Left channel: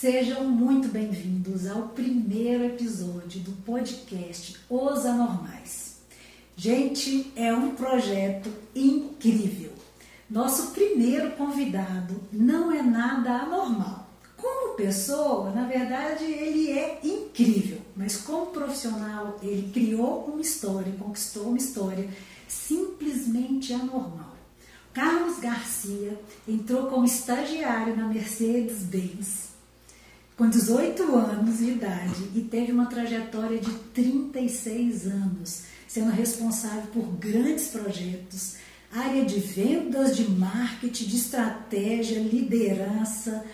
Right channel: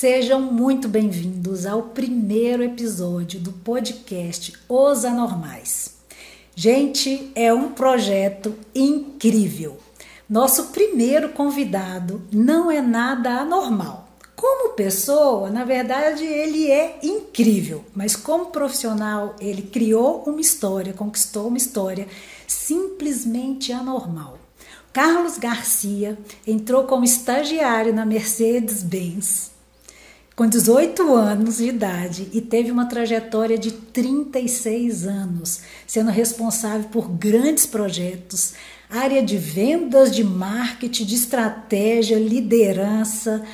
Sejam muito bem-vindos ao primeiro episódio do podcast Os Anormais. Gente, é um projeto incrível. Nosso primeiro convidado não é nada anormal. Como pessoa, na verdade, ele é incrível, mas como profissional, ele criou uma história, conquistou uma história simplesmente anormal. Carlos Garcia entrou como estagiário na Mercedes-Benz com 18 anos de idade e teve uma trajetória de 36 anos, sendo responsável por grandes projetos, área de vendas, de marketing, de estratégia, liderança.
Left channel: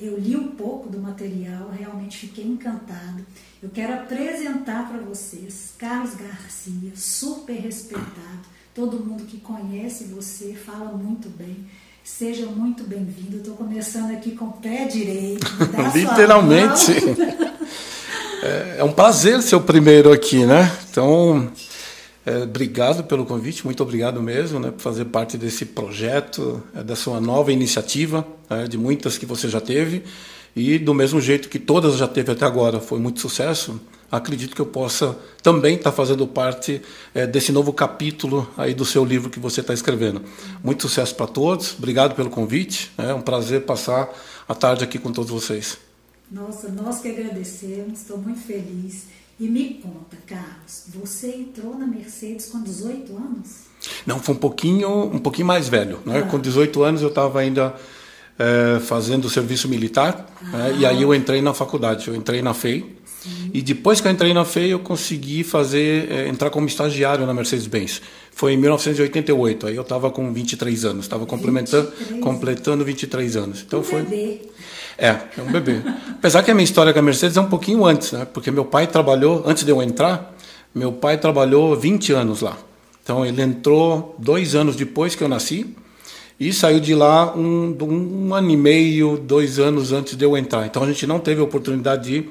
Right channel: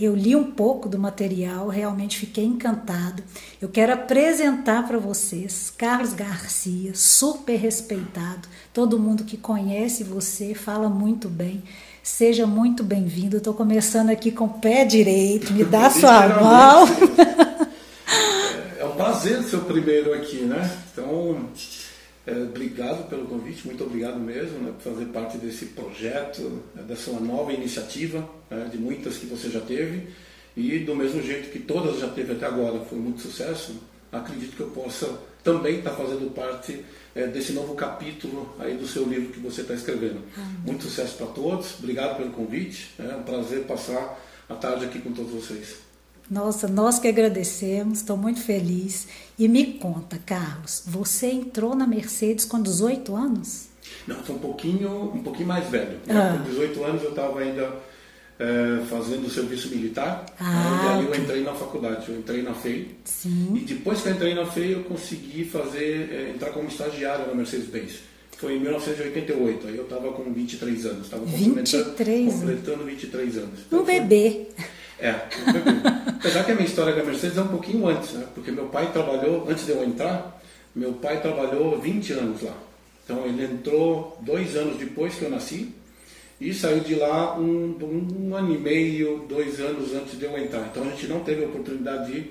Eu li um pouco do material, realmente fiquei encantado. Eu quero apresentar para vocês Carlos Garcia, super respeitado. Todo mundo que conhece você fala muito bem. Seja muito bem-vindo. Estou começando aqui com o pé direito. Me dá sua mão. Literalmente. É um prazer ser o primeiro aqui, né? Então, obrigado pelo convite. Muito obrigado mesmo, né, por fazer parte desse projeto, da sua nova iniciativa, de muitas que você já teve. E do mesmo jeito que todas já teve até agora, foi muito sucesso. Acredito que eu possa também estar fazendo parte desse novo capítulo aí do seu livro que você está escrevendo. Muito sucesso para todos, obrigado pelo convite, é um prazer passar a tarde aqui com todos vocês. Nossa, nós que agradecemos, estou muito feliz. E me conta, Carlos, você entrou na Mercedes com 18 anos? Não, foi um pouquinho mais velho, né? Com 18 anos eu estava ainda fazendo serviço militar, né? E aí eu entrei na faculdade, eu entrei na FEI. Sim. E depois que eu entrei na FEI eu consegui entrar como estagiário na Mercedes-Benz. Foi em 1988, aí eu estava com 23 anos, estava completando 23 anos. Então bebê. É um bebê. Apesar que a minha história com a Mercedes é um pouquinho antes, né? Porque meu pai trabalhou, antes de eu entrar, meu pai trabalhou 20 anos lá. Então ele entrou 2 anos depois que eu nasci e saiu de lá um ano e meio, 2 anos antes de eu entrar. Então a gente não teve a oportunidade de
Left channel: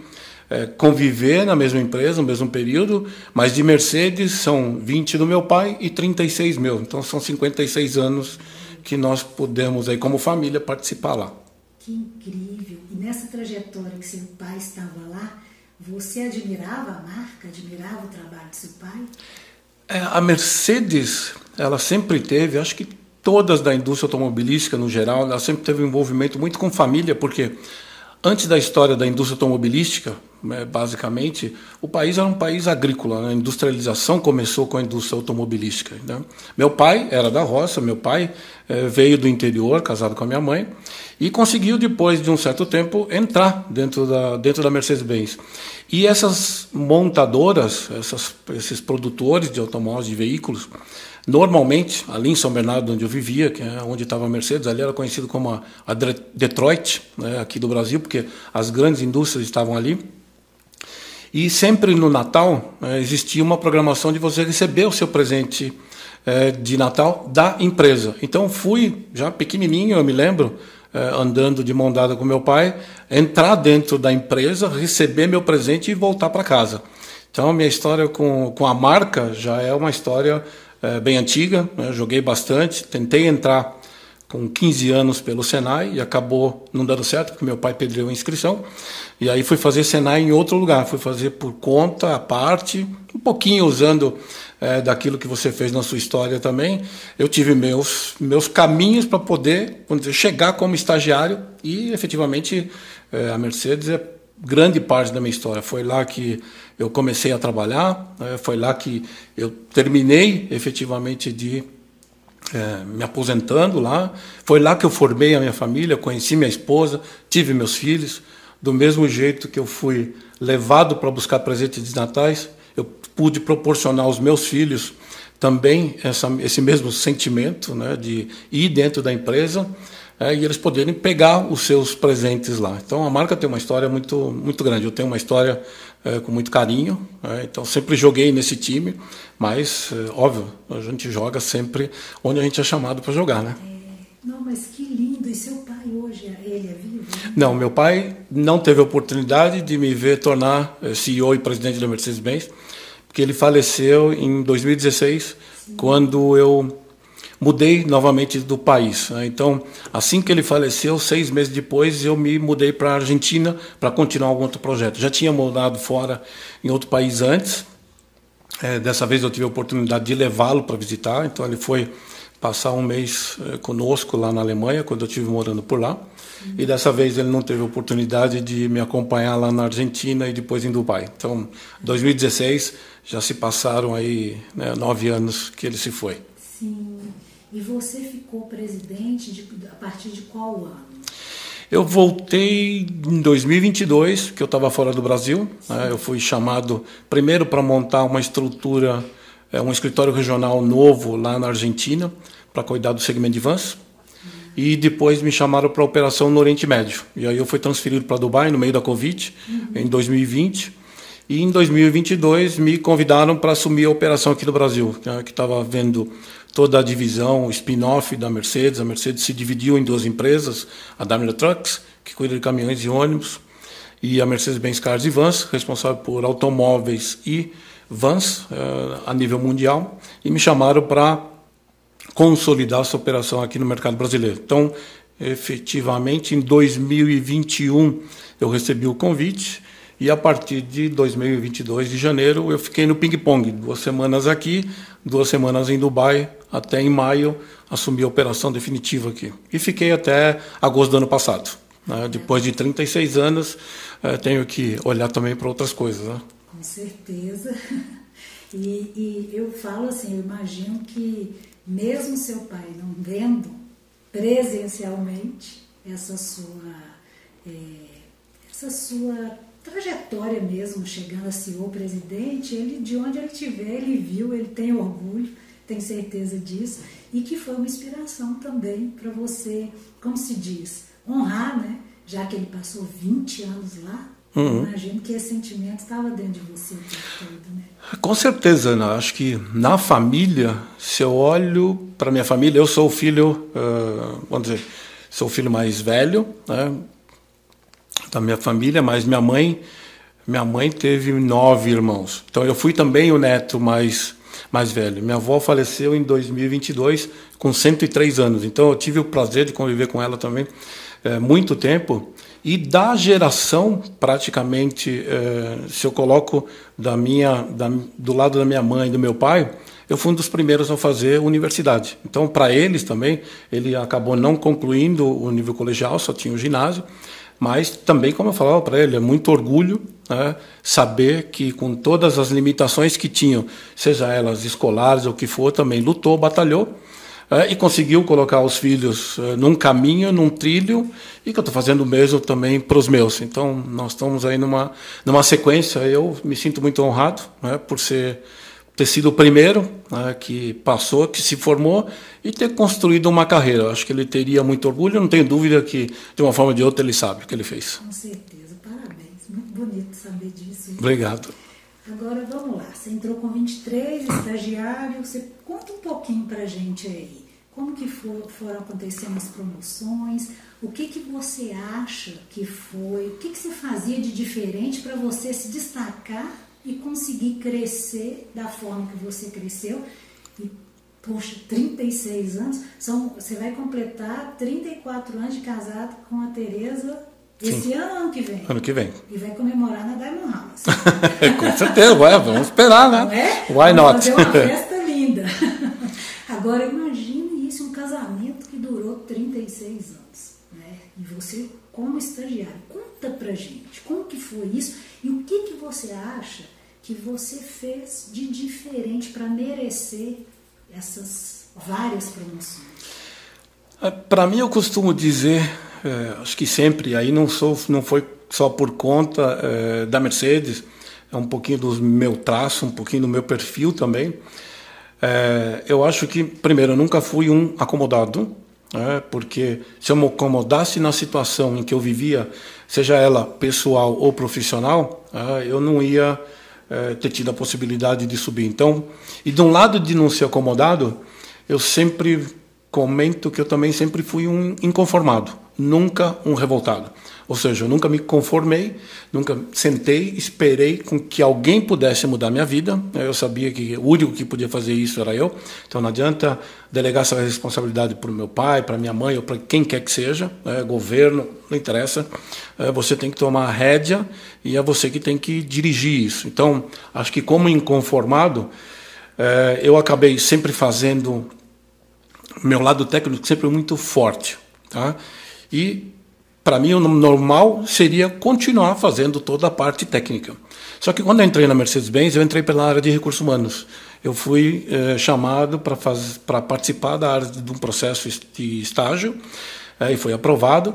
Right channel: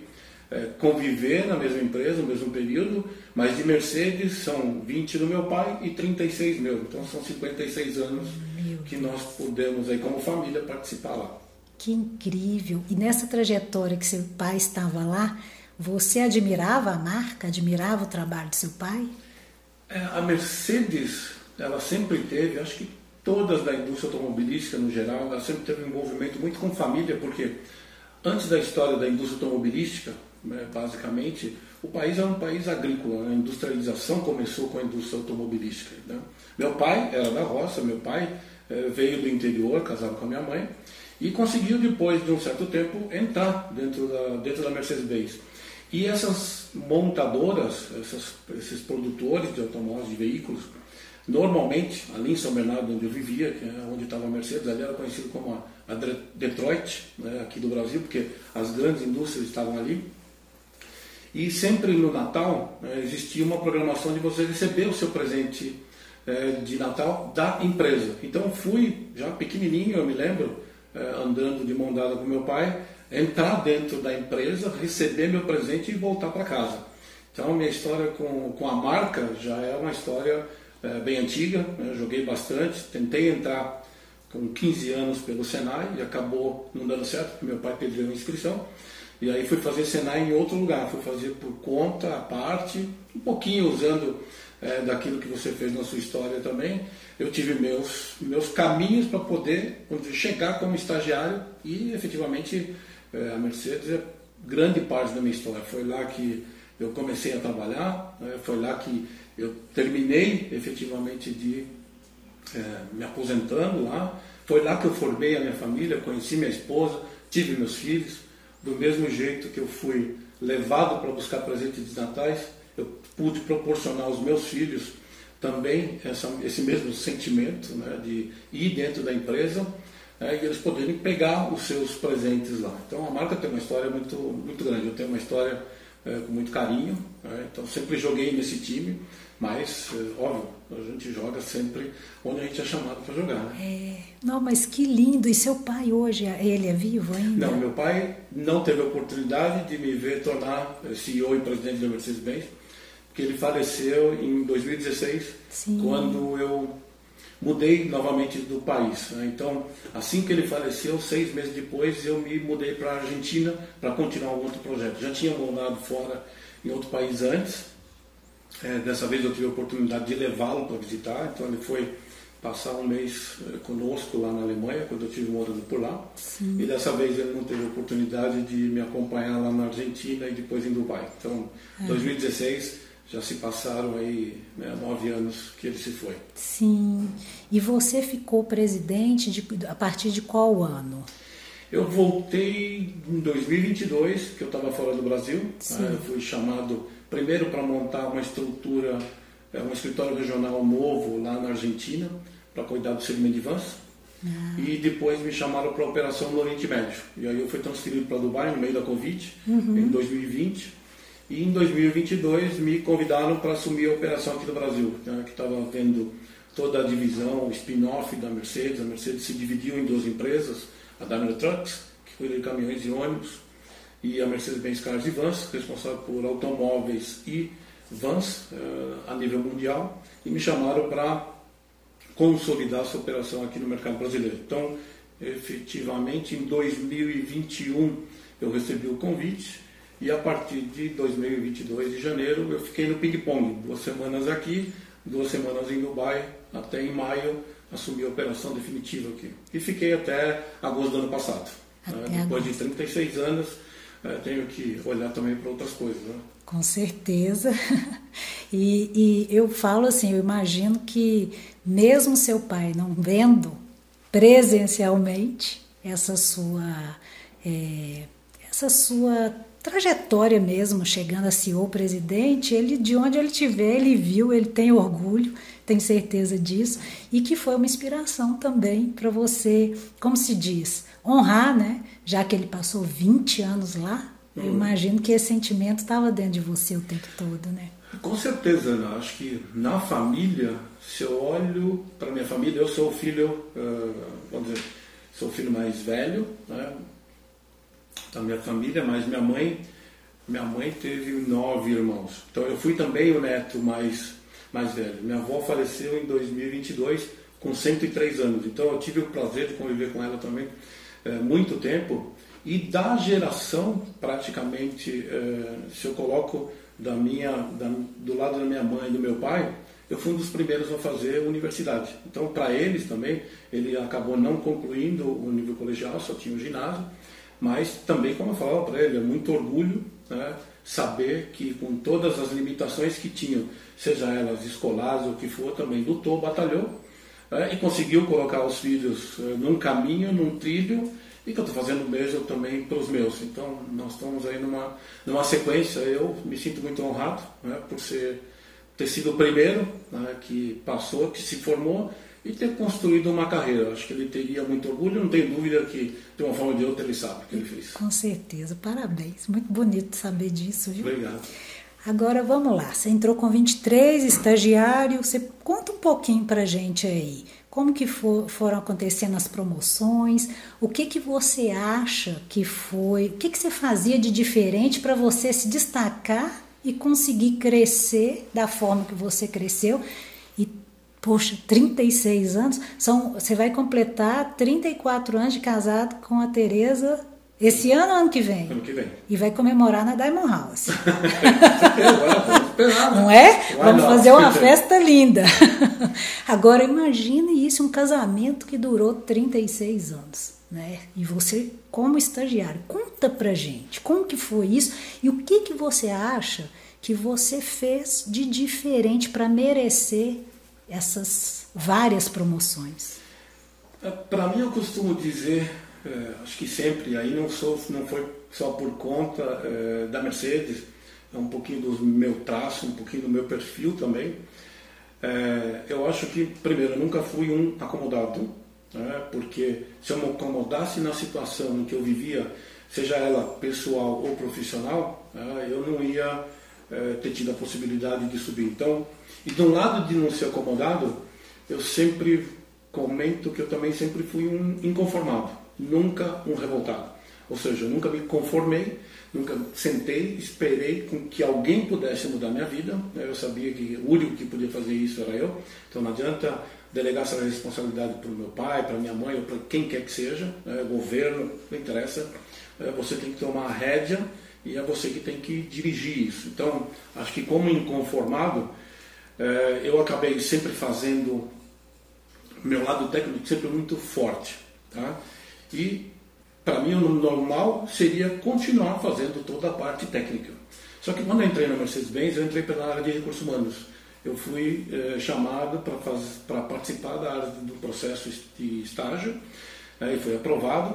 conviver na mesma empresa, no mesmo período, mas de Mercedes são 20 do meu pai e 36 meu. Então são 56 anos que nós pudemos, aí, como família, participar lá. Que incrível! E nessa trajetória que seu pai estava lá, você admirava a marca, admirava o trabalho do seu pai? A Mercedes, ela sempre teve, acho que todas da indústria automobilística no geral, ela sempre teve um envolvimento muito com família, porque antes da história da indústria automobilística, basicamente, o país era um país agrícola, né? A industrialização começou com a indústria automobilística, né? Meu pai era da roça, meu pai veio do interior, casado com a minha mãe, e conseguiu, depois de um certo tempo, entrar dentro da Mercedes-Benz. E essas montadoras, esses produtores de automóveis, de veículos, normalmente, ali em São Bernardo, onde eu vivia, que é onde estava a Mercedes, ali era conhecido como a Detroit, né, aqui do Brasil, porque as grandes indústrias estavam ali. E sempre no Natal existia uma programação de você receber o seu presente de Natal da empresa. Então fui, já pequenininho, eu me lembro, andando de mão dada com meu pai, entrar dentro da empresa, receber meu presente e voltar para casa. Então a minha história com a marca já é uma história bem antiga, né? Joguei bastante, tentei entrar com 15 anos pelo Senai e acabou não dando certo, porque meu pai perdeu a inscrição. E aí fui fazer Senai em outro lugar, fui fazer por conta, à parte, um pouquinho usando daquilo que você fez na sua história também. Eu tive meus caminhos para poder, vamos dizer, chegar como estagiário e efetivamente a Mercedes é grande parte da minha história. Foi lá que eu comecei a trabalhar, foi lá que eu terminei efetivamente de me aposentando lá. Foi lá que eu formei a minha família, conheci minha esposa, tive meus filhos. Do mesmo jeito que eu fui levado para buscar presentes de natais, eu pude proporcionar aos meus filhos também esse mesmo sentimento, né, de ir dentro da empresa e eles poderem pegar os seus presentes lá. Então a marca tem uma história muito, muito grande. Eu tenho uma história com muito carinho, então sempre joguei nesse time, mas óbvio, a gente joga sempre onde a gente é chamado para jogar, né? Não, mas que lindo! E seu pai hoje, ele é vivo ainda? Não, meu pai não teve a oportunidade de me ver tornar CEO e presidente da Mercedes-Benz, porque ele faleceu em 2016, Sim. Quando eu mudei novamente do país, né? Então, assim que ele faleceu, 6 meses depois, eu me mudei para a Argentina para continuar um outro projeto. Já tinha morado fora em outro país antes. Dessa vez eu tive a oportunidade de levá-lo para visitar, então ele foi passar um mês conosco lá na Alemanha, quando eu estive morando por lá. Sim. E dessa vez ele não teve a oportunidade de me acompanhar lá na Argentina e depois em Dubai. Então, 2016, já se passaram aí, né, 9 anos que ele se foi. Sim. E você ficou presidente a partir de qual ano? Eu voltei em 2022, que eu estava fora do Brasil. Né? Eu fui chamado primeiro para montar uma estrutura, um escritório regional novo lá na Argentina, para cuidar do segmento de vans. E depois me chamaram para a operação no Oriente Médio. E aí eu fui transferido para Dubai no meio da Covid, em 2020. E em 2022 me convidaram para assumir a operação aqui do Brasil, né? Que estava vendo toda a divisão, o spin-off da Mercedes. A Mercedes se dividiu em 2 empresas, a Daimler Trucks, que cuida de caminhões e ônibus, e a Mercedes-Benz Cars e Vans, responsável por automóveis e vans a nível mundial, e me chamaram para consolidar essa operação aqui no mercado brasileiro. Então, efetivamente, em 2021 eu recebi o convite, e a partir de 2022, de janeiro, eu fiquei no ping-pong, 2 semanas aqui, 2 semanas em Dubai, até em maio assumi a operação definitiva aqui. E fiquei até agosto do ano passado. Né? Depois de 36 anos, tenho que olhar também para outras coisas. Né? Com certeza. E eu falo assim, eu imagino que mesmo seu pai não vendo presencialmente essa sua trajetória mesmo, chegando a CEO presidente, ele, de onde ele estiver, ele viu, ele tem orgulho, tem certeza disso, e que foi uma inspiração também para você, como se diz, honrar, né? Já que ele passou 20 anos lá, imagino que esse sentimento estava dentro de você o tempo todo, né? Com certeza, né? Acho que na família, se eu olho para minha família, eu sou o filho, vamos dizer, sou o filho mais velho, né, da minha família, mas minha mãe teve 9 irmãos. Então eu fui também o neto mais velho. Minha avó faleceu em 2022 com 103 anos. Então eu tive o prazer de conviver com ela também muito tempo. E da geração, praticamente, se eu coloco do lado da minha mãe e do meu pai, eu fui um dos primeiros a fazer universidade. Então, para eles também, ele acabou não concluindo o nível colegial, só tinha o ginásio. Mas também, como eu falava para ele, é muito orgulho, né, saber que com todas as limitações que tinham, seja elas escolares ou o que for, também lutou, batalhou e conseguiu colocar os filhos num caminho, num trilho, e que eu estou fazendo o mesmo também para os meus. Então, nós estamos aí numa sequência. Eu me sinto muito honrado, né, por ter sido o primeiro, né, que passou, que se formou e ter construído uma carreira. Eu acho que ele teria muito orgulho, eu não tenho dúvida que, de uma forma ou de outra, ele sabe o que ele fez. Com certeza, parabéns. Muito bonito saber disso. Viu? Obrigado. Agora, vamos lá. Você entrou com 23, estagiário. Você conta um pouquinho para a gente aí. Como que foram acontecendo as promoções? O que você acha que foi? O que você fazia de diferente para você se destacar e conseguir crescer da forma que você cresceu? E, poxa, 36 anos, você vai completar 34 anos de casado com a Tereza esse ano ou ano que vem? Ano que vem. E vai comemorar na Diamond House. Com certeza, vamos esperar, né? Não é? Why vamos not? fazer uma festa linda. Agora, imagine isso, um casamento que durou 36 anos, né? E você, como estagiário, conta pra gente, como que foi isso? E o que você acha que você fez de diferente para merecer essas várias promoções? Para mim, eu costumo dizer, acho que sempre, aí não foi só por conta da Mercedes, é um pouquinho do meu traço, um pouquinho do meu perfil também. Eu acho que, primeiro, eu nunca fui um acomodado, porque se eu me acomodasse na situação em que eu vivia, seja ela pessoal ou profissional, eu não ia ter tido a possibilidade de subir. Então, e de um lado de não ser acomodado, eu sempre comento que eu também sempre fui um inconformado. nunca um revoltado. Ou seja, eu nunca me conformei, nunca sentei, esperei com que alguém pudesse mudar minha vida. Eu sabia que o único que podia fazer isso era eu. Então não adianta delegar essa responsabilidade para o meu pai, para minha mãe ou para quem quer que seja, governo, não interessa. Você tem que tomar a rédea e é você que tem que dirigir isso. Então, acho que como inconformado, eu acabei sempre fazendo meu lado técnico sempre muito forte, tá? E para mim, o normal seria continuar fazendo toda a parte técnica. Só que quando eu entrei na Mercedes-Benz, eu entrei pela área de recursos humanos. Eu fui chamado para participar da área de um processo de estágio, e foi aprovado,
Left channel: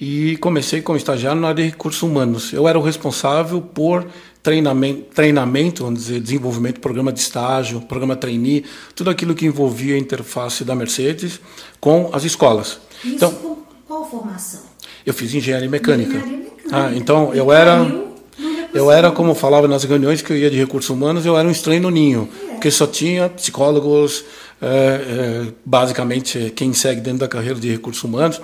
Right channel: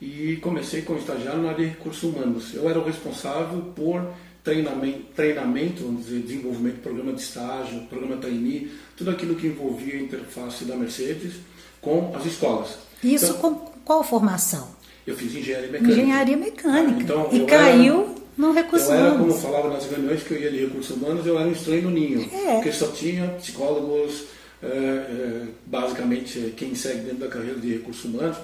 e comecei como estagiário na área de recursos humanos. Eu era o responsável por treinamento, vamos dizer, desenvolvimento, programa de estágio, programa trainee, tudo aquilo que envolvia a interface da Mercedes com as escolas. Isso então, com qual formação? Eu fiz engenharia mecânica. Engenharia mecânica. Então eu era, como falava nas reuniões que eu ia de recursos humanos, eu era um estranho no ninho, porque só tinha psicólogos, basicamente quem segue dentro da carreira de recursos humanos,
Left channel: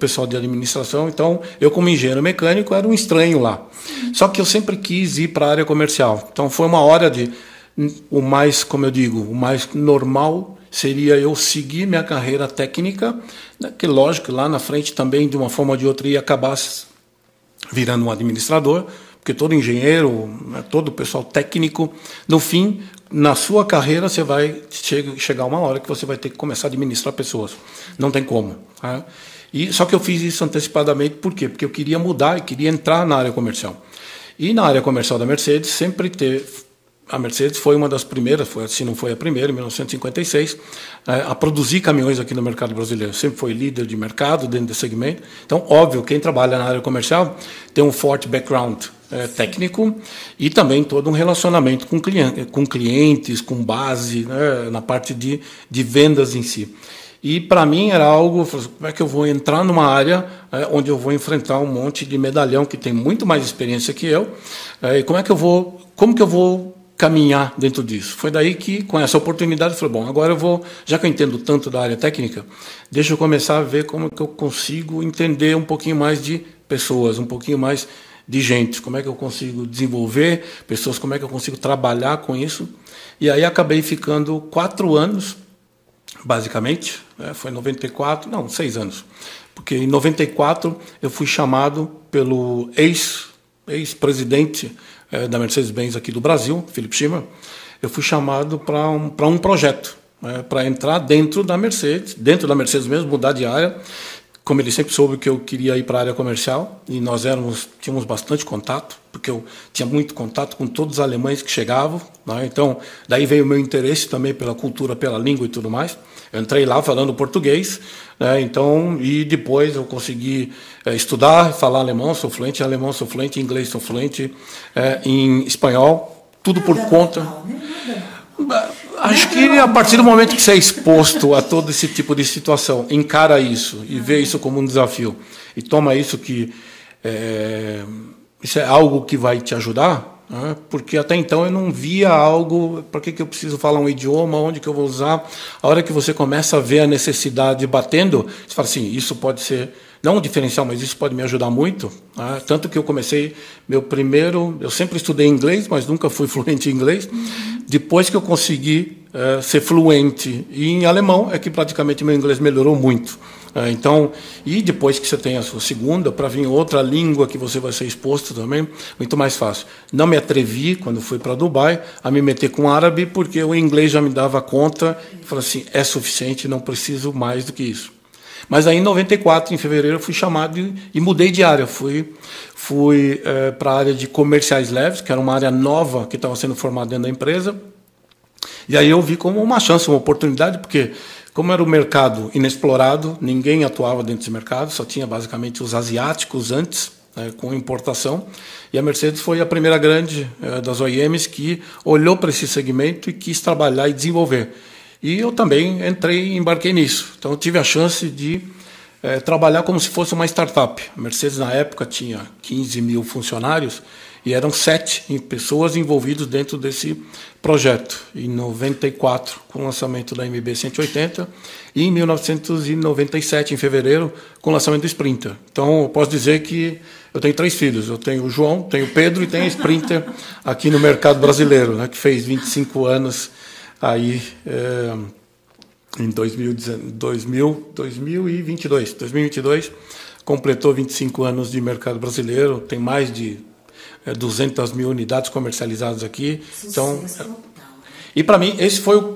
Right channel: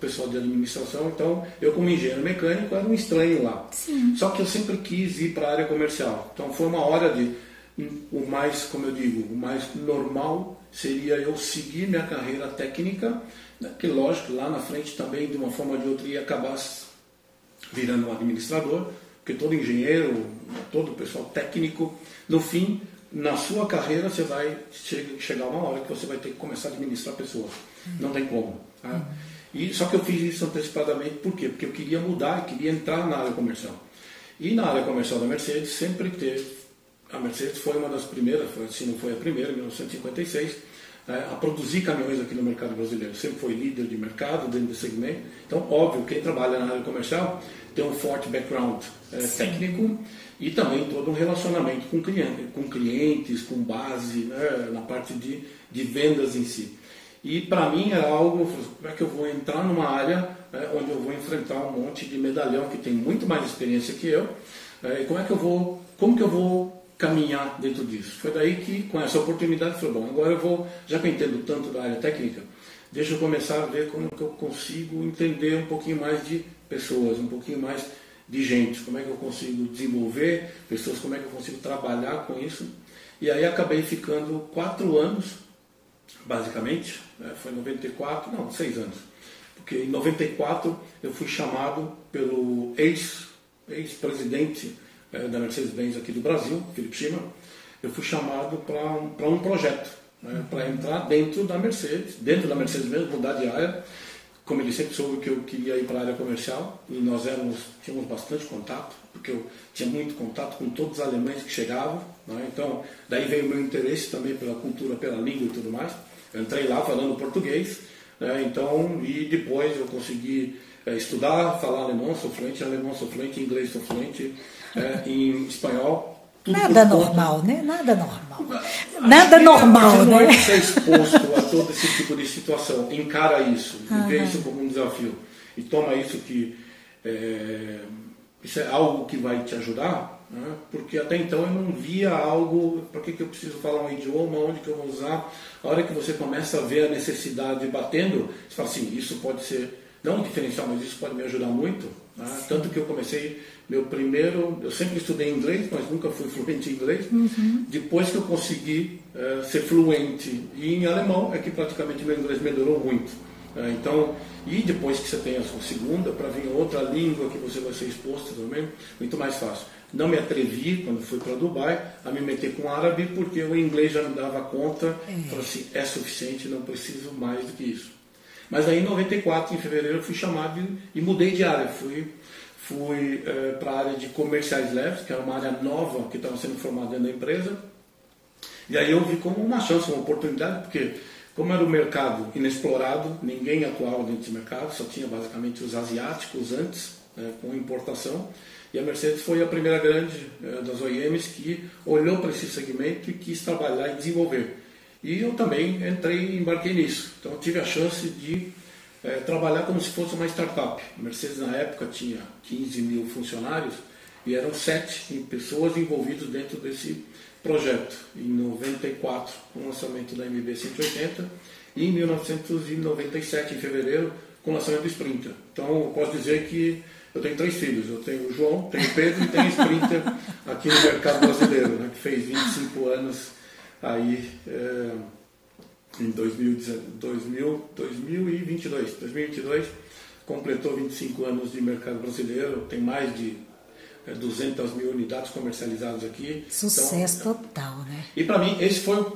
pessoal de administração. Então eu, como engenheiro mecânico, era um estranho lá. Sim. Só que eu sempre quis ir para a área comercial. Então foi uma hora o mais, como eu digo, o mais normal seria eu seguir minha carreira técnica, que lógico, lá na frente também, de uma forma ou de outra, ia acabar virando um administrador, porque todo engenheiro, todo pessoal técnico, no fim, na sua carreira, você vai chegar uma hora que você vai ter que começar a administrar pessoas. Não tem como. Tá? Só que eu fiz isso antecipadamente, por quê? Porque eu queria mudar e queria entrar na área comercial. E na área comercial da Mercedes, sempre teve... A Mercedes foi uma das primeiras, se não foi a primeira, em 1956, a produzir caminhões aqui no mercado brasileiro. Sempre foi líder de mercado dentro desse segmento. Então, óbvio, quem trabalha na área comercial tem um forte background técnico e também todo um relacionamento com clientes, com base, na parte de vendas em si. E para mim era algo, como é que eu vou entrar numa área onde eu vou enfrentar um monte de medalhão que tem muito mais experiência que eu, e como que eu vou caminhar dentro disso. Foi daí que, com essa oportunidade, eu falei, bom, agora eu vou, já que eu entendo tanto da área técnica, deixa eu começar a ver como que eu consigo entender um pouquinho mais de pessoas, um pouquinho mais de gente, como é que eu consigo desenvolver pessoas, como é que eu consigo trabalhar com isso. E aí acabei ficando 4 anos, basicamente, foi em 94, não, 6 anos, porque em 94 eu fui chamado pelo ex-presidente da Mercedes-Benz aqui do Brasil, Philip Schimmer. Eu fui chamado para um projeto, para entrar dentro da Mercedes mesmo, mudar de área. Como ele sempre soube que eu queria ir para a área comercial, e nós tínhamos bastante contato, porque eu tinha muito contato com todos os alemães que chegavam, né? Então, daí veio o meu interesse também pela cultura, pela língua e tudo mais. Eu entrei lá falando português, né? Então, e depois eu consegui estudar, falar alemão, sou fluente em alemão, sou fluente em inglês, sou fluente em espanhol, tudo nada por conta. Normal, né? Nada normal. Acho que a partir do momento que você é exposto a todo esse tipo de situação, encara isso e vê isso como um desafio e toma isso que isso é algo que vai te ajudar, né? Porque até então eu não via algo, para que eu preciso falar um idioma, onde que eu vou usar. A hora que você começa a ver a necessidade batendo, você fala assim, isso pode ser, não um diferencial, mas isso pode me ajudar muito. Né? Tanto que eu comecei, eu sempre estudei inglês, mas nunca fui fluente em inglês. Depois que eu consegui ser fluente em alemão, é que praticamente meu inglês melhorou muito. Então, e depois que você tem a sua segunda, para vir outra língua que você vai ser exposto também, muito mais fácil. Não me atrevi, quando fui para Dubai, a me meter com árabe, porque o inglês já me dava conta. Falei assim, é suficiente, não preciso mais do que isso. Mas aí em 94, em fevereiro, eu fui chamado e mudei de área. Fui para a área de comerciais leves, que era uma área nova que estava sendo formada dentro da empresa. E aí eu vi como uma chance, uma oportunidade, porque como era um mercado inexplorado, ninguém atuava dentro desse mercado, só tinha basicamente os asiáticos antes, com importação. E a Mercedes foi a primeira grande das OEMs que olhou para esse segmento e quis trabalhar e desenvolver. E eu também embarquei nisso. Então eu tive a chance de trabalhar como se fosse uma startup. A Mercedes na época tinha 15 mil funcionários e eram 7 pessoas envolvidas dentro desse projeto. Em 94, com o lançamento da MB 180, e em 1997, em fevereiro, com o lançamento do Sprinter. Então, eu posso dizer que eu tenho 3 filhos. Eu tenho o João, tenho o Pedro e tenho a Sprinter aqui no mercado brasileiro, né, que fez 25 anos aí em 2022. Completou 25 anos de mercado brasileiro, tem mais de 200 mil unidades comercializadas aqui. Sucesso total, né? E para mim,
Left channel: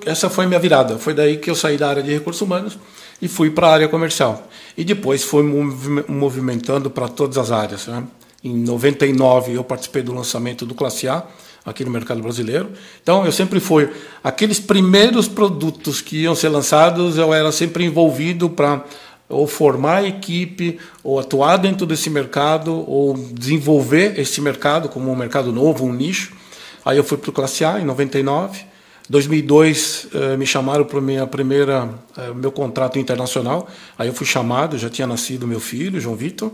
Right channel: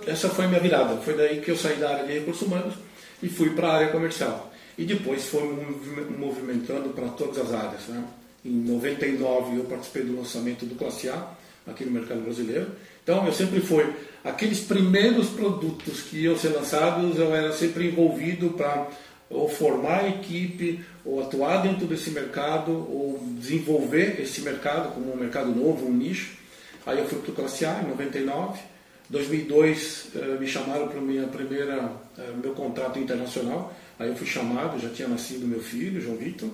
essa foi a minha virada. Foi daí que eu saí da área de recursos humanos e fui para a área comercial. E depois fui movimentando para todas as áreas, né? Em 99 eu participei do lançamento do Classe A aqui no mercado brasileiro. Então eu sempre fui aqueles primeiros produtos que iam ser lançados, eu era sempre envolvido para ou formar a equipe, ou atuar dentro desse mercado, ou desenvolver esse mercado como um mercado novo, um nicho. Aí eu fui para o Classe A em 99. 2002 me chamaram para meu contrato internacional. Aí eu fui chamado, já tinha nascido meu filho, João Vitor,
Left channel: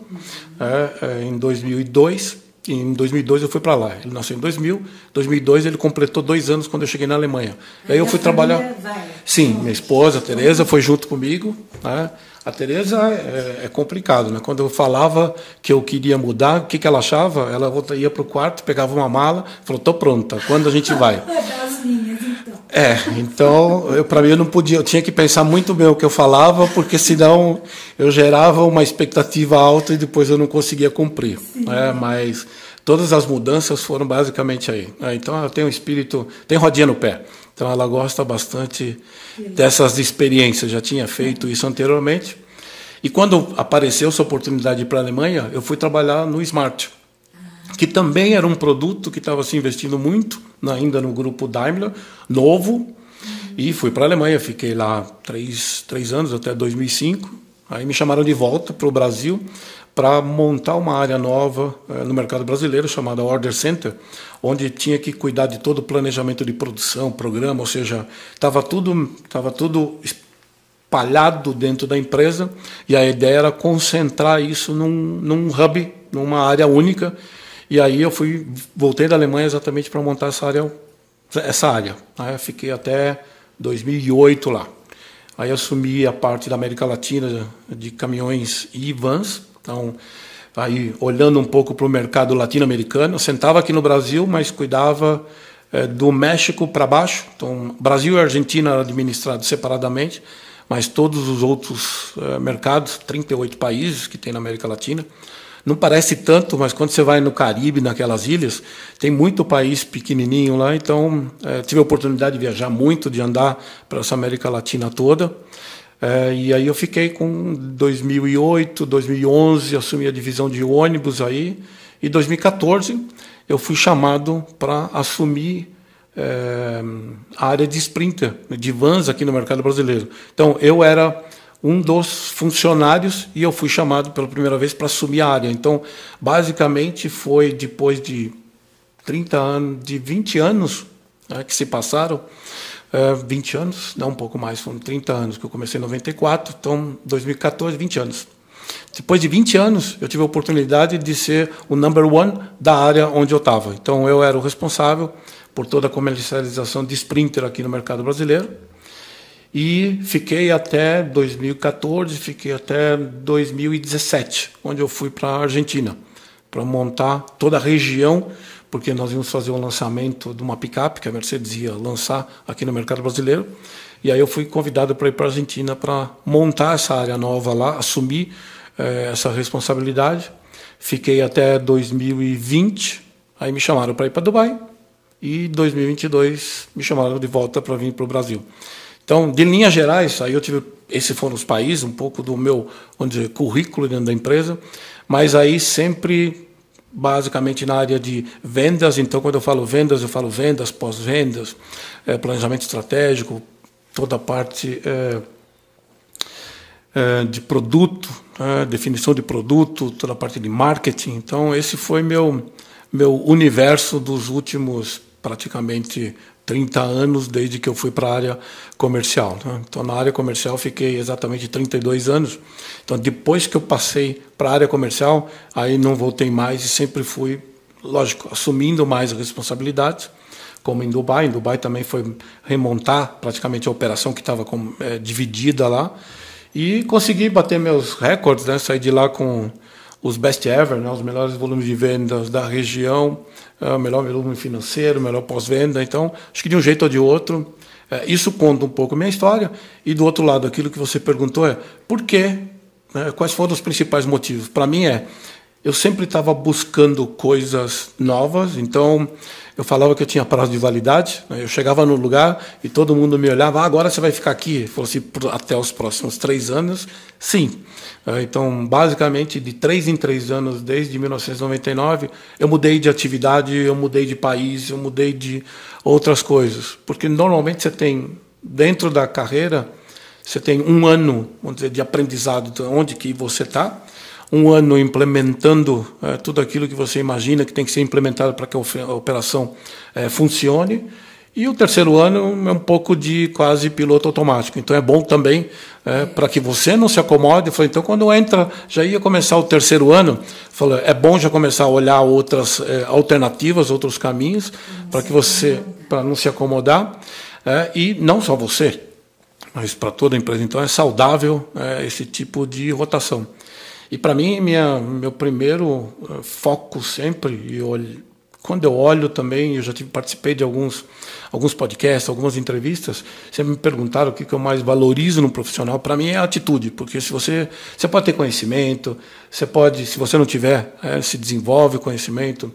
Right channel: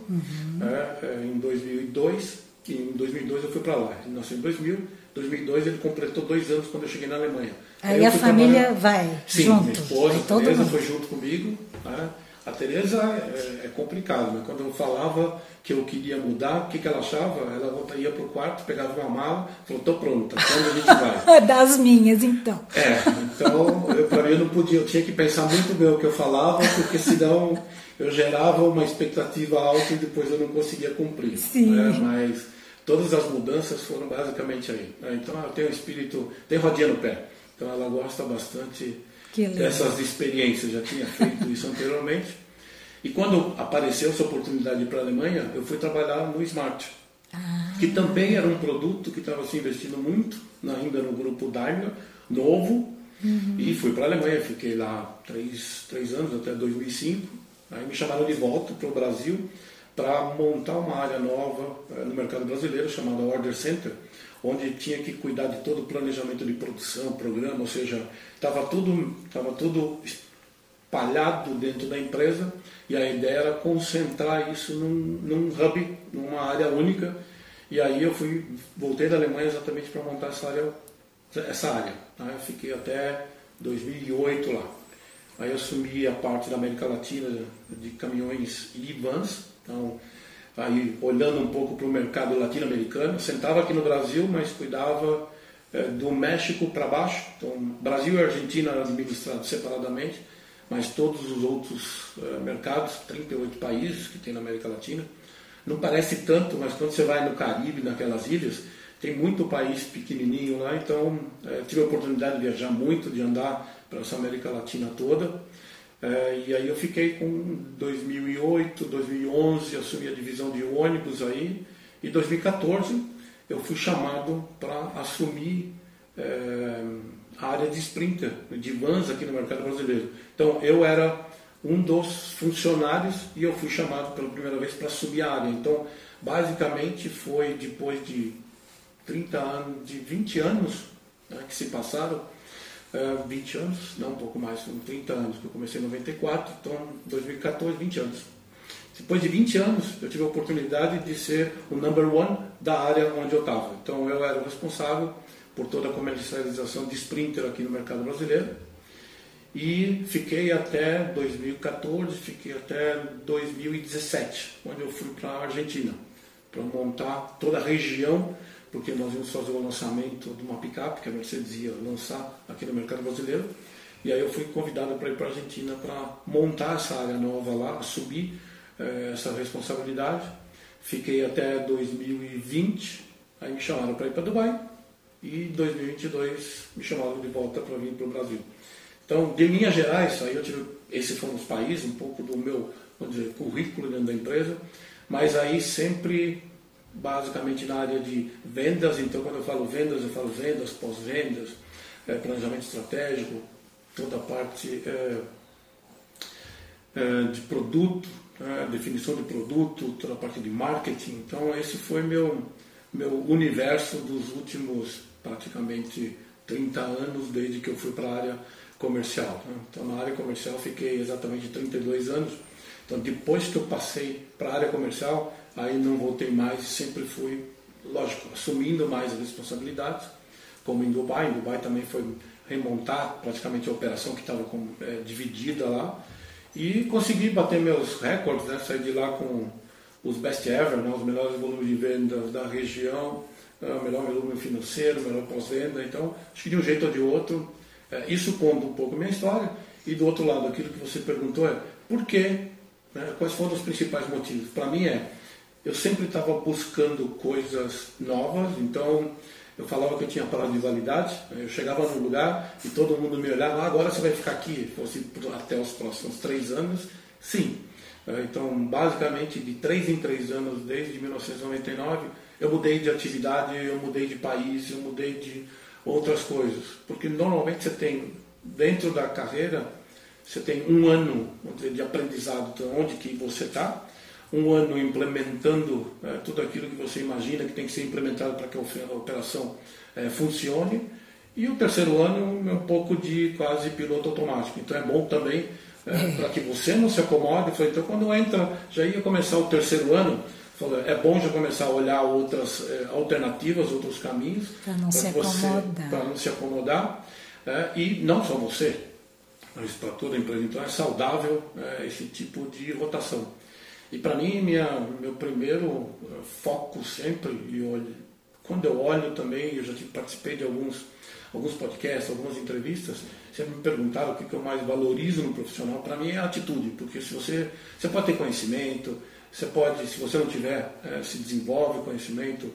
em 2002. Em 2002 eu fui para lá. Ele nasceu em 2000. 2002 ele completou 2 anos quando eu cheguei na Alemanha. Aí eu fui trabalhar. Sim, junto. Minha esposa, a Tereza, foi junto comigo, né? A Tereza é complicado, né? Quando eu falava que eu queria mudar, o que ela achava? Ela ia para o quarto, pegava uma mala, falou: "Tô pronta. Quando a gente vai?" Das minhas, então. Então, para mim eu não podia, eu tinha que pensar muito bem o que eu falava, porque senão eu gerava uma expectativa alta e depois eu não conseguia cumprir. Né? Mas todas as mudanças foram basicamente aí. Então ela tem um espírito, tem rodinha no pé. Então ela gosta bastante dessas experiências, já tinha feito isso anteriormente. E quando apareceu essa oportunidade de ir para a Alemanha, eu fui trabalhar no Smart, que também era um produto que estava se investindo muito, ainda no grupo Daimler, novo, e fui para a Alemanha, fiquei lá 3 anos, até 2005. Aí me chamaram de volta para o Brasil para montar uma área nova no mercado brasileiro, chamada Order Center, onde tinha que cuidar de todo o planejamento de produção, programa, ou seja, estava tudo espalhado dentro da empresa, e a ideia era concentrar isso num hub, numa área única. E aí eu voltei da Alemanha exatamente para montar essa área. Aí eu fiquei até 2008 lá. Aí assumi a parte da América Latina de caminhões e vans. Então, aí olhando um pouco para o mercado latino-americano, eu sentava aqui no Brasil, mas cuidava do México para baixo. Então, Brasil e Argentina eram administrados separadamente, mas todos os outros mercados, 38 países que tem na América Latina. Não parece tanto, mas quando você vai no Caribe, naquelas ilhas, tem muito país pequenininho lá. Então, tive a oportunidade de viajar muito, de andar para essa América Latina toda. E aí eu fiquei com 2008, 2011, assumi a divisão de ônibus aí. E 2014 eu fui chamado para assumir a área de Sprinter, de vans aqui no mercado brasileiro. Então, eu era um dos funcionários e eu fui chamado pela primeira vez para assumir a área. Então, basicamente, foi depois de 20 anos que se passaram, 20 anos, não, um pouco mais, foram 30 anos, que eu comecei em 94, então 2014, 20 anos. Depois de 20 anos, eu tive a oportunidade de ser o number one da área onde eu estava. Então, eu era o responsável por toda a comercialização de Sprinter aqui no mercado brasileiro. E fiquei até 2014, fiquei até 2017, onde eu fui para a Argentina, para montar toda a região, porque nós íamos fazer o lançamento de uma picape que a Mercedes ia lançar aqui no mercado brasileiro. E aí eu fui convidado para ir para a Argentina para montar essa área nova lá, assumir essa responsabilidade. Fiquei até 2020, aí me chamaram para ir para Dubai, e 2022 me chamaram de volta para vir para o Brasil. Então, de linhas gerais, aí esses foram os países, um pouco do meu, vamos dizer, currículo dentro da empresa, mas aí sempre, basicamente, na área de vendas. Então, quando eu falo vendas, pós-vendas, planejamento estratégico, toda a parte de produto, definição de produto, toda a parte de marketing. Então, esse foi meu universo dos últimos, praticamente, 30 anos, desde que eu fui para a área comercial. Né? Então, na área comercial, fiquei exatamente 32 anos. Então, depois que eu passei para a área comercial, aí não voltei mais e sempre fui, lógico, assumindo mais responsabilidades, como em Dubai. Em Dubai também foi remontar praticamente a operação que estava dividida lá. E consegui bater meus recordes, né? Saí de lá com os best ever, né? Os melhores volumes de vendas da região, o melhor volume financeiro, o melhor pós-venda. Então, acho que de um jeito ou de outro, isso conta um pouco a minha história. E do outro lado, aquilo que você perguntou por quê? Né? Quais foram os principais motivos? Para mim eu sempre estava buscando coisas novas, então eu falava que eu tinha prazo de validade, né? Eu chegava no lugar e todo mundo me olhava, agora você vai ficar aqui? Falou assim, até os próximos 3 anos, sim. Então, basicamente, de 3 em 3 anos, desde 1999, eu mudei de atividade, eu mudei de país, eu mudei de outras coisas. Porque normalmente você tem, dentro da carreira, você tem um ano, vamos dizer, de aprendizado de onde que você está, um ano implementando tudo aquilo que você imagina que tem que ser implementado para que a operação funcione. E o terceiro ano é um pouco de quase piloto automático. Então é bom também para que você não se acomode. Então quando entra, já ia começar o terceiro ano, é bom já começar a olhar outras alternativas, outros caminhos, para que você, para não se acomodar. E não só você, mas para toda a empresa. Então é saudável esse tipo de rotação. E para mim, meu primeiro foco sempre, quando eu olho também, eu já participei de alguns podcasts, algumas entrevistas, sempre me perguntaram o que eu mais valorizo no profissional. Para mim é a atitude, porque se você pode ter conhecimento, se você não tiver, se desenvolve conhecimento,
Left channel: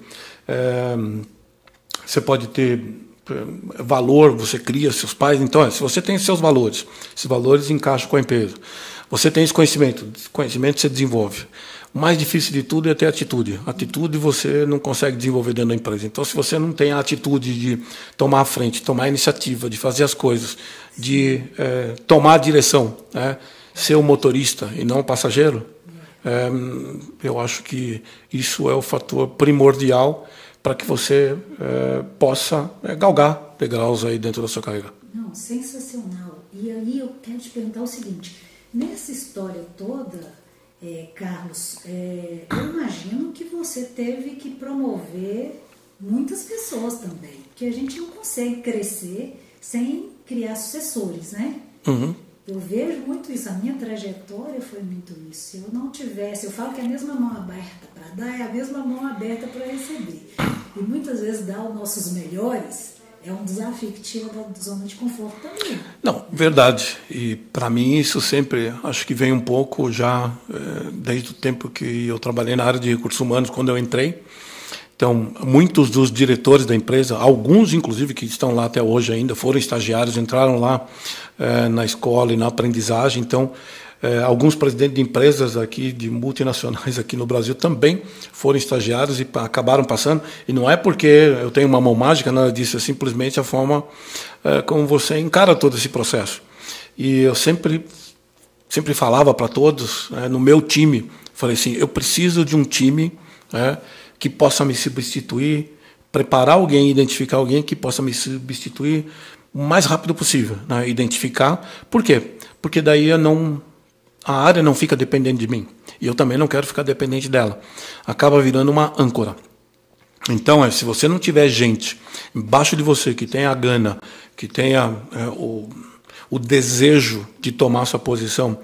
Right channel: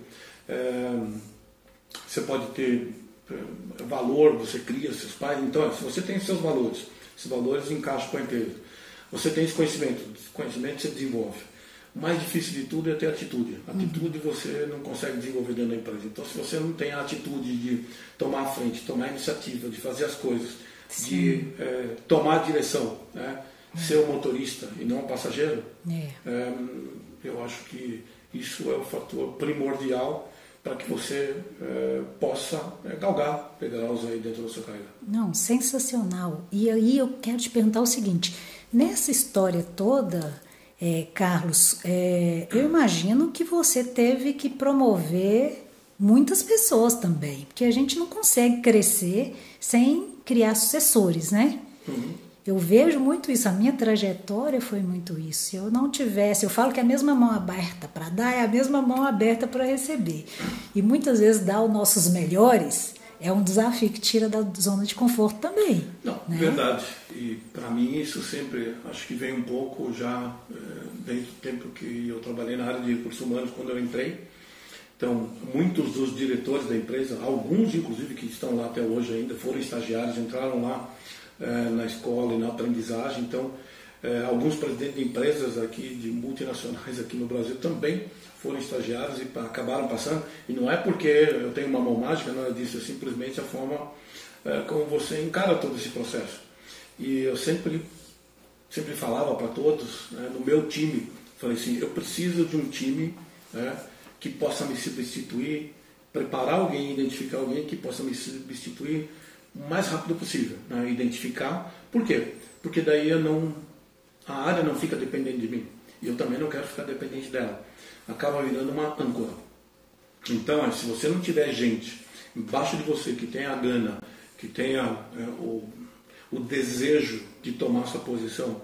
você pode ter valor, você cria seus pais. Então, se você tem seus valores, esses valores encaixam com a empresa. Você tem esse conhecimento você desenvolve. O mais difícil de tudo é ter atitude. Atitude você não consegue desenvolver dentro da empresa. Então, se você não tem a atitude de tomar a frente, tomar a iniciativa, de fazer as coisas, de tomar a direção, ser o motorista e não o passageiro, eu acho que isso é o fator primordial para que você possa galgar degraus aí dentro da sua carreira. Não, sensacional. E aí eu quero te perguntar o seguinte, nessa história toda, Carlos, eu imagino que você teve que promover muitas pessoas também, porque a gente não consegue crescer sem criar sucessores, né? Uhum. Eu vejo muito isso, a minha trajetória foi muito isso. Se eu não tivesse, eu falo que a mesma mão aberta para dar é a mesma mão aberta para receber. E muitas vezes dar os nossos melhores é um desafio que tira da zona de conforto também. Não, né? Verdade. E para mim isso sempre, acho que vem um pouco já desde o tempo que eu trabalhei na área de recursos humanos, quando eu entrei. Então, muitos dos diretores da empresa, alguns inclusive que estão lá até hoje ainda, foram estagiários, entraram lá na escola e na aprendizagem. Então, alguns presidentes de empresas aqui, de multinacionais aqui no Brasil, também foram estagiários e acabaram passando. E não é porque eu tenho uma mão mágica, nada disso, é simplesmente a forma como você encara todo esse processo. E eu sempre falava para todos, no meu time, falei assim, eu preciso de um time que possa me substituir, preparar alguém, identificar alguém que possa me substituir o mais rápido possível, né? Identificar. Por quê? Porque daí a área não fica dependente de mim. E eu também não quero ficar dependente dela. Acaba virando uma âncora. Então, se você não tiver gente embaixo de você que tenha a gana, que tenha o desejo de tomar sua posição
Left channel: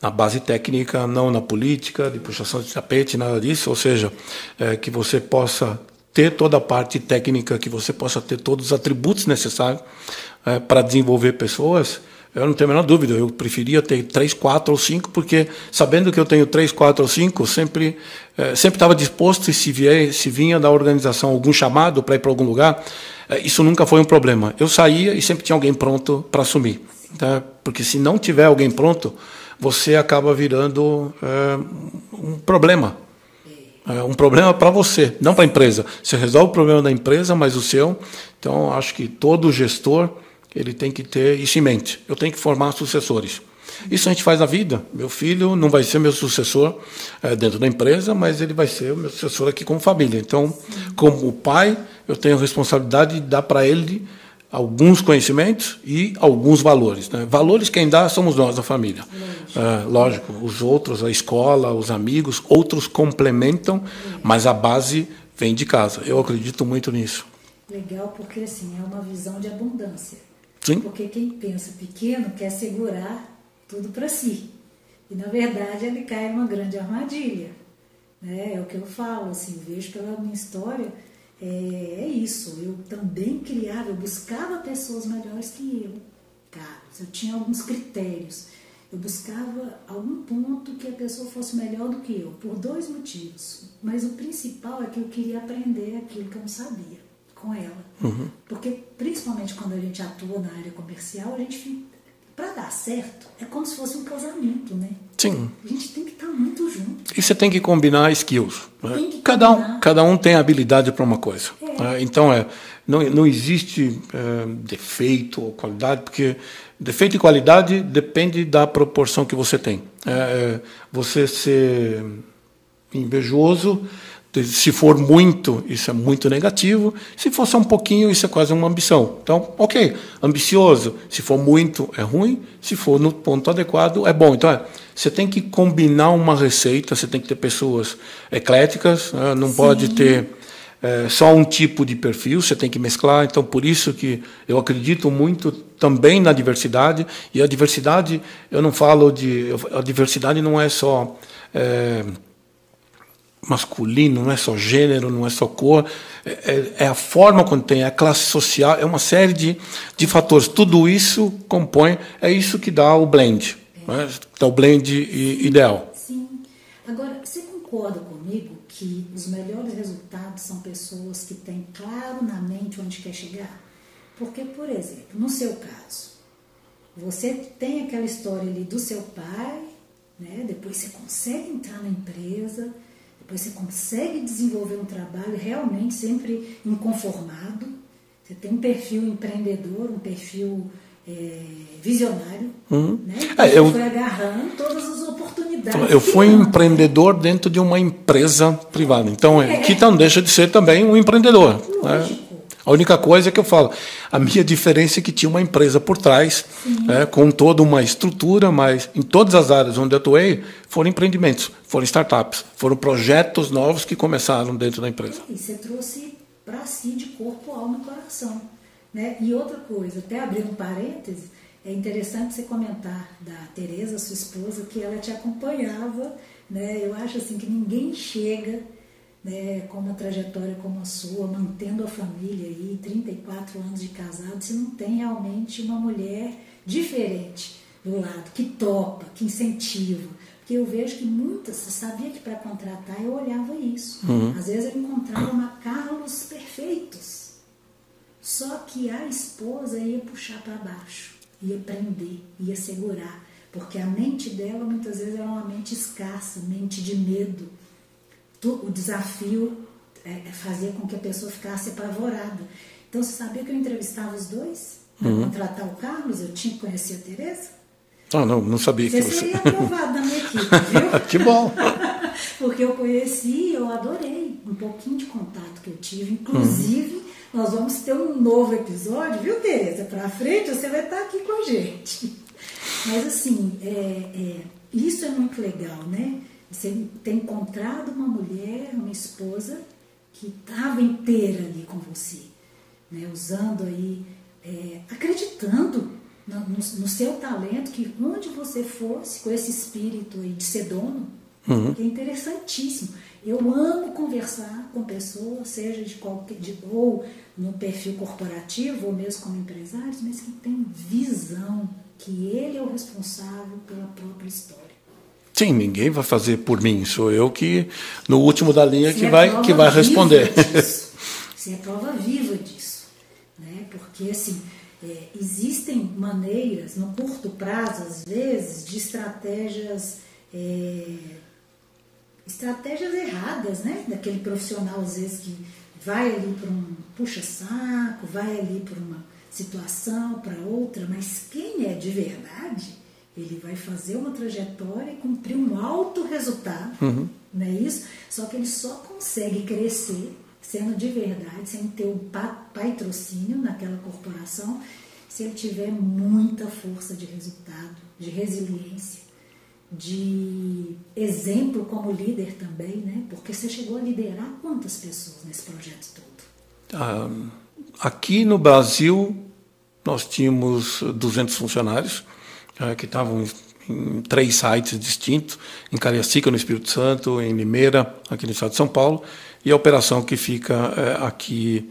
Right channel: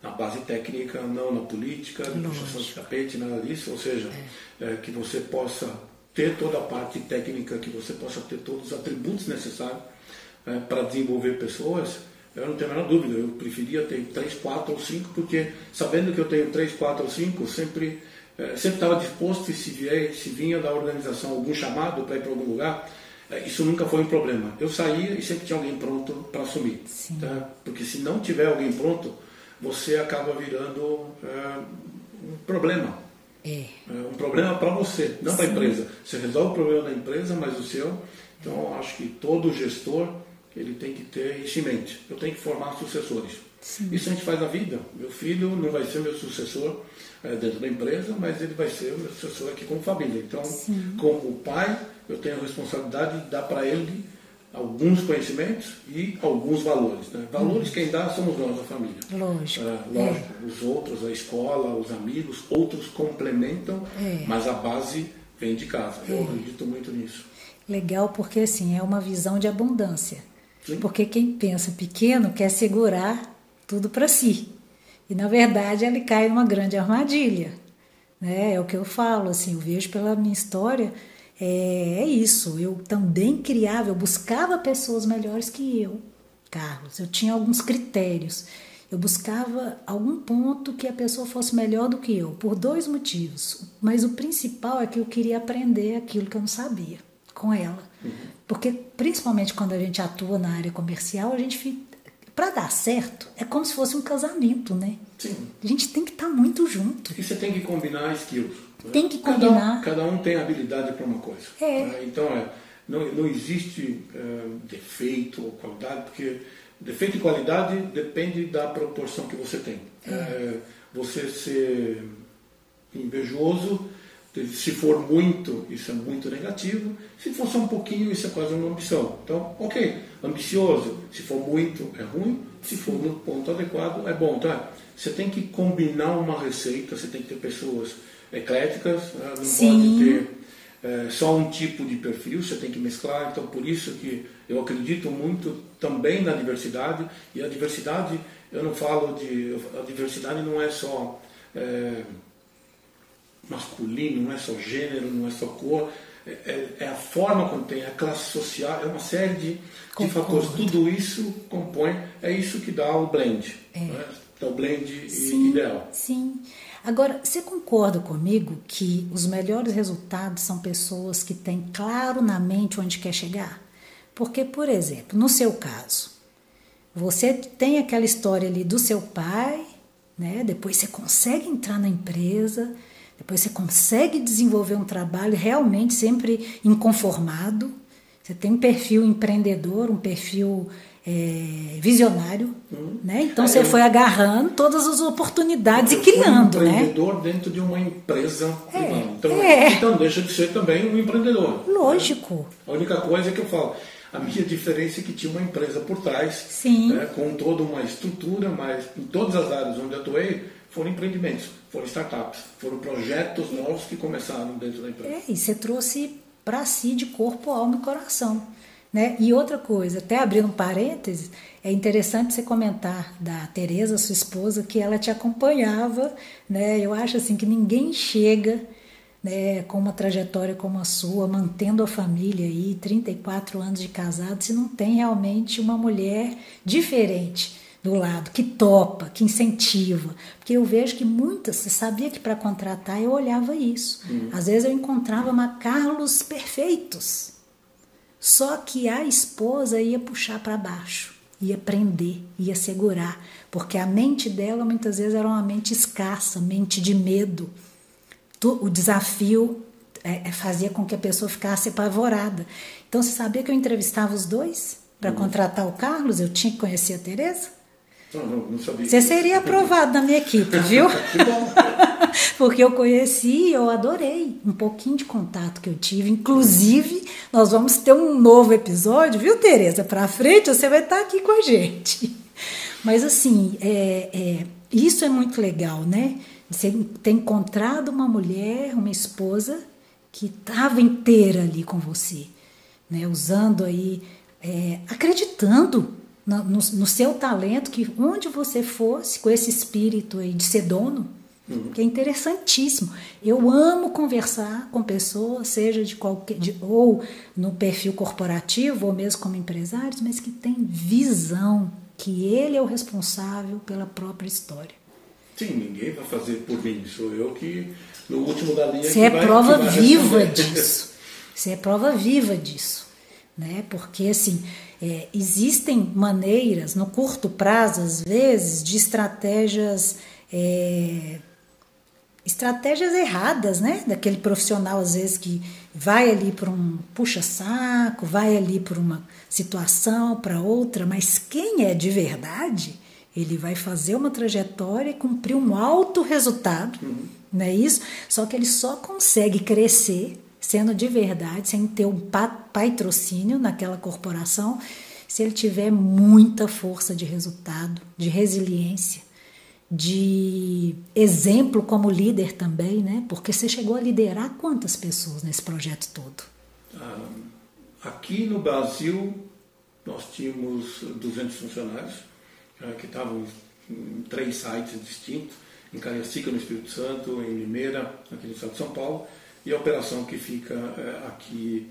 na base técnica, não na política, de puxação de tapete, nada disso, ou seja, que você possa ter toda a parte técnica, que você possa ter todos os atributos necessários para desenvolver pessoas, eu não tenho a menor dúvida, eu preferia ter 3, 4 ou 5, porque sabendo que eu tenho 3, 4 ou 5, sempre estava disposto, e se vinha da organização algum chamado para ir para algum lugar, isso nunca foi um problema. Eu saía e sempre tinha alguém pronto para assumir. Tá? Porque se não tiver alguém pronto, você acaba virando um problema. Um problema para você, não para a empresa. Você resolve o problema da empresa, mas o seu. Então, acho que todo gestor ele tem que ter isso em mente. Eu tenho que formar sucessores. Isso a gente faz na vida. Meu filho não vai ser meu sucessor dentro da empresa, mas ele vai ser o meu sucessor aqui como família. Então, como pai, eu tenho a responsabilidade de dar para ele alguns conhecimentos e alguns valores. Né? Valores quem dá somos nós, a família. Lógico, os outros, a escola, os amigos, outros complementam, mas a base vem de casa. Eu acredito muito nisso. Legal, porque assim, é uma visão de abundância. Sim. Porque quem pensa pequeno quer segurar tudo para si. E, na verdade, ele cai numa grande armadilha. Né? É o que eu falo, assim, eu vejo pela minha história, é isso. Eu também criava, eu buscava pessoas melhores que eu, Carlos. Eu tinha alguns critérios. Eu buscava algum ponto que a pessoa fosse melhor do que eu, por 2 motivos. Mas o principal é que eu queria aprender aquilo que eu não sabia com ela. Porque, principalmente quando a gente atua na área comercial, a gente fica... Para dar certo, é como se fosse um casamento, né? Sim. A gente tem que estar muito junto. E você tem que combinar skills. Tem que combinar. Cada um tem habilidade para uma coisa. Então, não existe defeito ou qualidade, porque defeito e qualidade depende da proporção que você tem. Você ser invejoso, se for muito, isso é muito negativo. Se for só um pouquinho, isso é quase uma ambição. Então, ok, ambicioso. Se for muito, é ruim. Se for no ponto adequado, é bom. Então, você tem que combinar uma receita, você tem que ter pessoas ecléticas, não Sim. pode ter só um tipo de perfil, você tem que mesclar. Então, por isso que eu acredito muito também na diversidade. E a diversidade, eu não falo de... A diversidade não é só... masculino, não é só gênero, não é só cor, é a forma como tem, é a classe social, é uma série de fatores. Tudo isso compõe, é isso que dá o blend, né? Dá o blend Sim, ideal. Sim. Agora, você concorda comigo que os melhores resultados são pessoas que têm claro na mente onde quer chegar? Porque, por exemplo, no seu caso, você tem aquela história ali do seu pai, né? Depois você consegue entrar na empresa, depois você consegue desenvolver um trabalho realmente sempre inconformado. Você tem um perfil empreendedor, um perfil visionário. Né? Então você foi agarrando todas as oportunidades. Eu fui empreendedor dentro de uma empresa privada. Então, que não deixa de ser também um empreendedor. Lógico. Né? A única coisa que eu falo, a minha diferença é que tinha uma empresa por trás, com toda uma estrutura, mas em todas as áreas onde eu atuei, foram empreendimentos, foram startups, foram projetos novos que começaram dentro da empresa. E você trouxe para si de corpo, alma e coração. Né? E outra coisa, até abrindo um parênteses, é interessante você comentar da Tereza, sua esposa, que ela te acompanhava. Né? Eu acho assim que ninguém chega, né, com uma trajetória como a sua, mantendo a família aí, 34 anos de casado, se não tem realmente uma mulher diferente do lado, que topa, que incentiva. Porque eu vejo que muitas, você sabia que para contratar eu olhava isso. Às vezes eu encontrava Carlos perfeitos. Só que a esposa ia puxar para baixo, ia prender, ia segurar. Porque a mente dela muitas vezes era uma mente escassa, mente de medo. O desafio fazia com que a pessoa ficasse apavorada. Então você sabia que eu entrevistava os dois para contratar o Carlos? Eu tinha que conhecer a Tereza? Não sabia. Você seria aprovado na minha equipe, viu? Que bom! Porque eu conheci, eu adorei um pouquinho de contato que eu tive. Inclusive, nós vamos ter um novo episódio, viu, Tereza? Para frente, você vai estar aqui com a gente. Mas, assim, isso é muito legal, né? Você ter encontrado uma mulher, uma esposa que estava inteira ali com você, né? Usando aí, acreditando no seu talento, que onde você fosse com esse espírito aí de ser dono, que é interessantíssimo. Eu amo conversar com pessoas, seja ou no perfil corporativo, ou mesmo como empresários, mas que tem visão, que ele é o responsável pela própria história. Sim, ninguém vai fazer por mim, sou eu que, no último da linha, que vai responder. Você é prova viva disso, né? Porque, assim, existem maneiras, no curto prazo, às vezes, de estratégias erradas, né? Daquele profissional, às vezes, que vai ali por um puxa-saco, vai ali por uma situação, para outra, mas quem é de verdade, ele vai fazer uma trajetória e cumprir um alto resultado, não é isso? Só que ele só consegue crescer sendo de verdade, sem ter um patrocínio naquela corporação, se ele tiver muita força de resultado, de resiliência, de exemplo como líder também, né? Porque você chegou a liderar quantas pessoas nesse projeto todo? Aqui no Brasil, nós tínhamos 200 funcionários que estavam em 3 sites distintos, em Cariacica, no Espírito Santo, em Limeira, aqui no estado de São Paulo, e a operação que fica aqui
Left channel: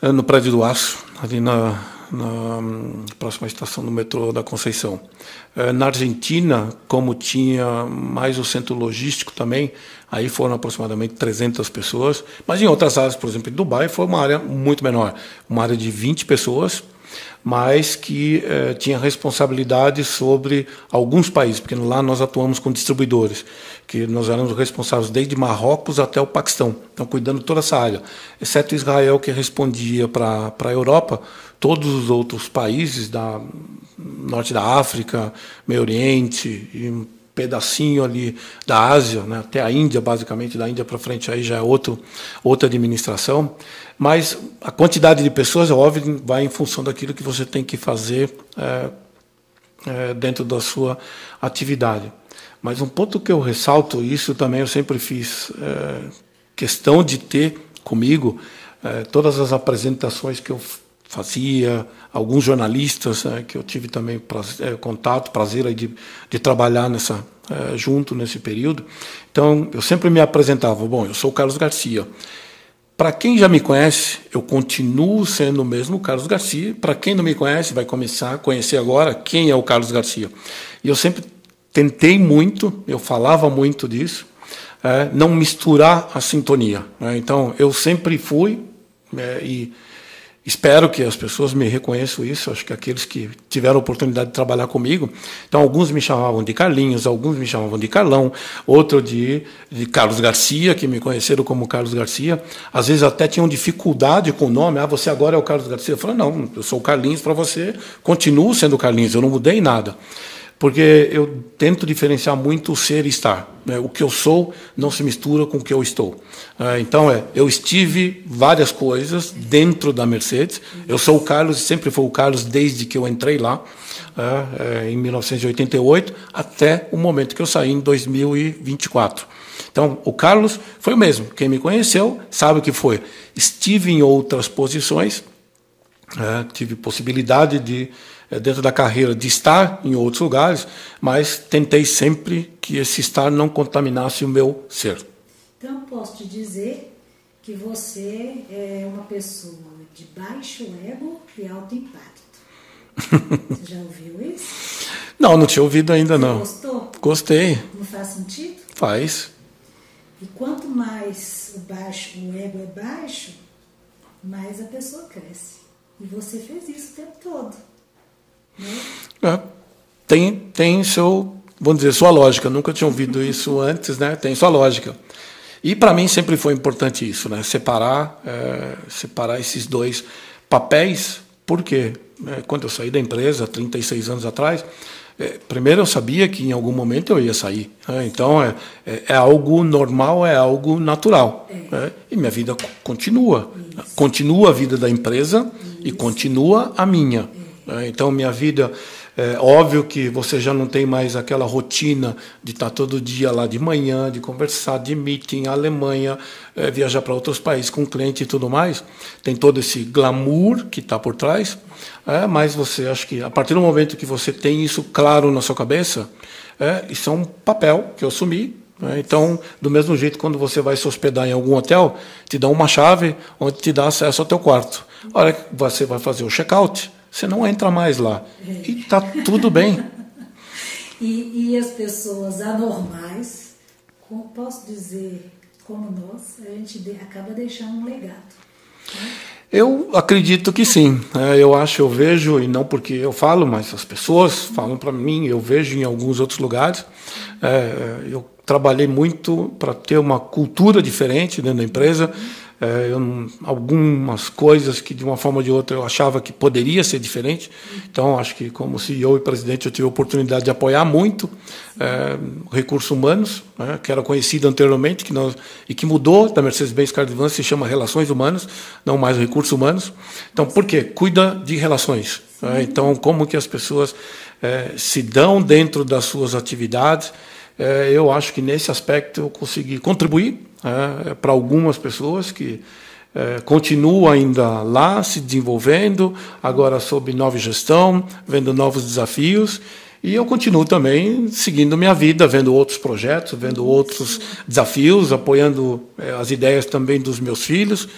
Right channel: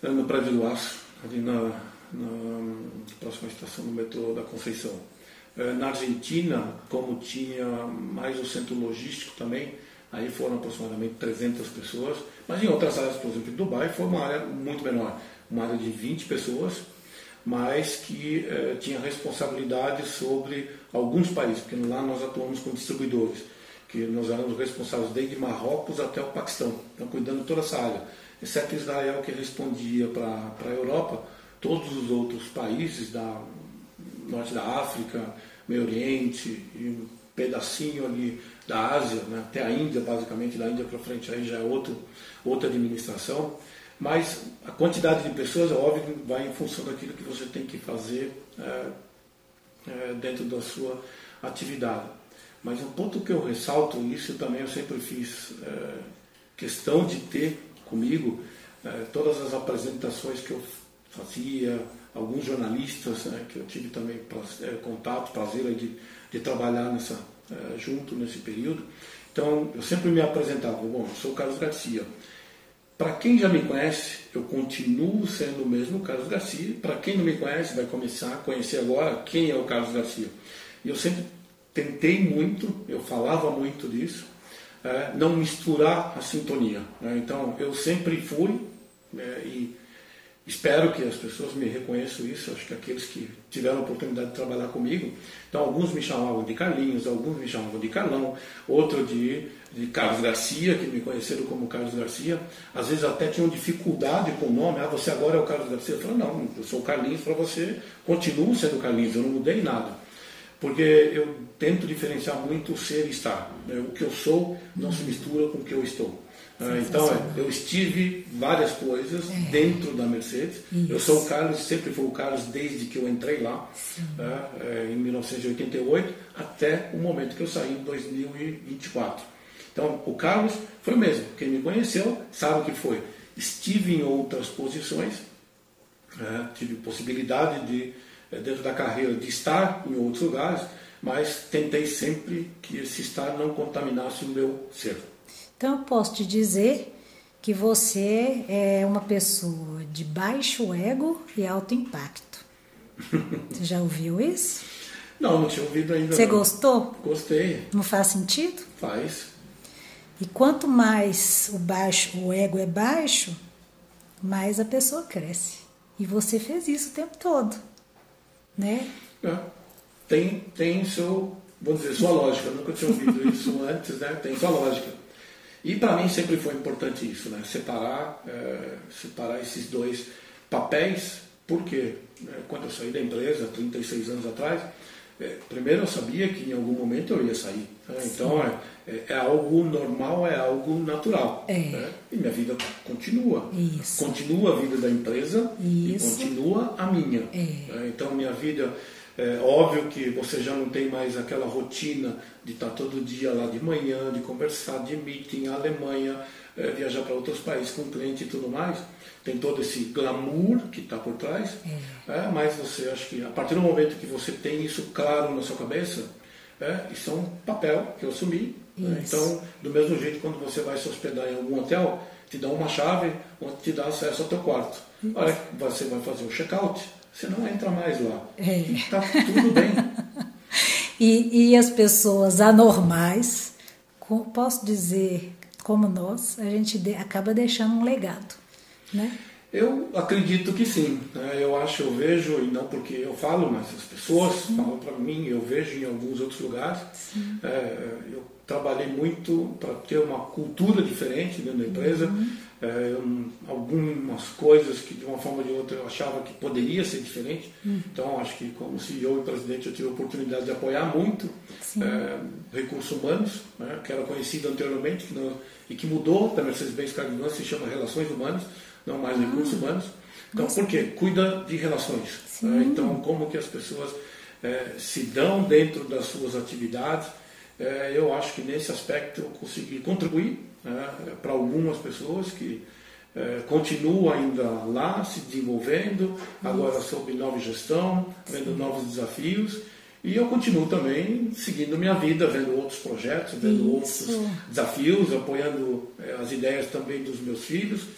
no Prédio do Aço, ali na próxima estação do metrô da Conceição. Na Argentina, como tinha mais o centro logístico também, aí foram aproximadamente 300 pessoas, mas em outras áreas, por exemplo, em Dubai, foi uma área muito menor, uma área de 20 pessoas, mas que tinha responsabilidade sobre alguns países, porque lá nós atuamos com distribuidores, que nós éramos responsáveis desde Marrocos até o Paquistão, então cuidando de toda essa área, exceto Israel, que respondia para a Europa. Todos os outros países da norte da África, Meio Oriente e um pedacinho ali da Ásia, né, até a Índia, basicamente, da Índia para frente aí já é outra administração. Mas a quantidade de pessoas, é óbvio, vai em função daquilo que você tem que fazer dentro da sua atividade. Mas um ponto que eu ressalto, isso também eu sempre fiz questão de ter comigo, todas as apresentações que eu fazia, alguns jornalistas que eu tive também contato, prazer aí de trabalhar junto nesse período. Então, eu sempre me apresentava, bom, eu sou o Carlos Garcia. Para quem já me conhece, eu continuo sendo o mesmo Carlos Garcia. Para quem não me conhece, vai começar a conhecer agora quem é o Carlos Garcia. E eu sempre tentei muito, eu falava muito disso, não misturar a sintonia. Então, eu sempre fui, e espero que as pessoas me reconheçam isso, acho que aqueles que tiveram a oportunidade de trabalhar comigo, então alguns me chamavam de Carlinhos, alguns me chamavam de Carlão, outro de Carlos Garcia, que me conheceram como Carlos Garcia, às vezes até tinham dificuldade com o nome, você agora é o Carlos Garcia, eu falei, não, eu sou o Carlinhos para você, continuo sendo o Carlinhos, eu não mudei nada. Porque eu tento diferenciar muito o ser e estar. O que eu sou não se mistura com o que eu estou. Então, eu estive várias coisas dentro da Mercedes. Eu sou o Carlos, sempre fui o Carlos desde que eu entrei lá, em 1988, até o momento que eu saí em 2024. Então, o Carlos foi o mesmo. Quem me conheceu sabe o que foi. Estive em outras posições, tive possibilidade de, dentro da carreira, de estar em outros lugares, mas tentei sempre que esse estar não contaminasse o meu ser. Então, eu posso te dizer que você é uma pessoa de baixo ego e alto impacto. Você já ouviu isso? Não tinha ouvido ainda. Você não. Você gostou? Gostei. Não faz sentido? Faz. E quanto mais o ego é baixo, mais a pessoa cresce. E você fez isso o tempo todo. Né? Tem seu, vamos dizer, sua lógica. Nunca tinha ouvido isso antes, né? Tem sua lógica. E para mim sempre foi importante isso, né? Separar esses dois papéis, porque quando eu saí da empresa, 36 anos atrás, primeiro eu sabia que em algum momento eu ia sair. Então é algo normal, é algo natural. Né? E minha vida continua. Isso. Continua a vida da empresa. Isso. E continua a minha. Então minha vida... óbvio que você já não tem mais aquela rotina de estar todo dia lá de manhã, de conversar, de meeting, Alemanha, viajar para outros países com cliente e tudo mais. Tem todo esse glamour que está por trás, mas você acho que a partir do momento que você tem isso claro na sua cabeça, isso é um papel que eu assumi. Então, do mesmo jeito, quando você vai se hospedar em algum hotel, te dá uma chave onde te dá acesso ao teu quarto. A hora que você vai fazer o check-out, você não entra mais lá. E está tudo bem. E as pessoas anormais, posso dizer, como nós, a gente acaba deixando um legado. Né? Eu acredito que sim. Eu vejo, e não porque eu falo, mas as pessoas falam para mim, eu vejo em alguns outros lugares. Eu trabalhei muito para ter uma cultura diferente dentro da empresa. Algumas coisas que de uma forma ou de outra eu achava que poderia ser diferente. Então acho que como CEO e presidente eu tive a oportunidade de apoiar muito recursos humanos, que era conhecido anteriormente e que mudou da Mercedes-Benz Car Advance, se chama Relações Humanas, não mais recursos humanos. Então por quê? Cuida de relações. Então como que as pessoas se dão dentro das suas atividades. Eu acho que nesse aspecto eu consegui contribuir para algumas pessoas que continuam ainda lá se desenvolvendo, agora sob nova gestão, vendo novos desafios, E eu continuo também seguindo minha vida, vendo outros projetos, vendo outros desafios, apoiando as ideias também dos meus filhos,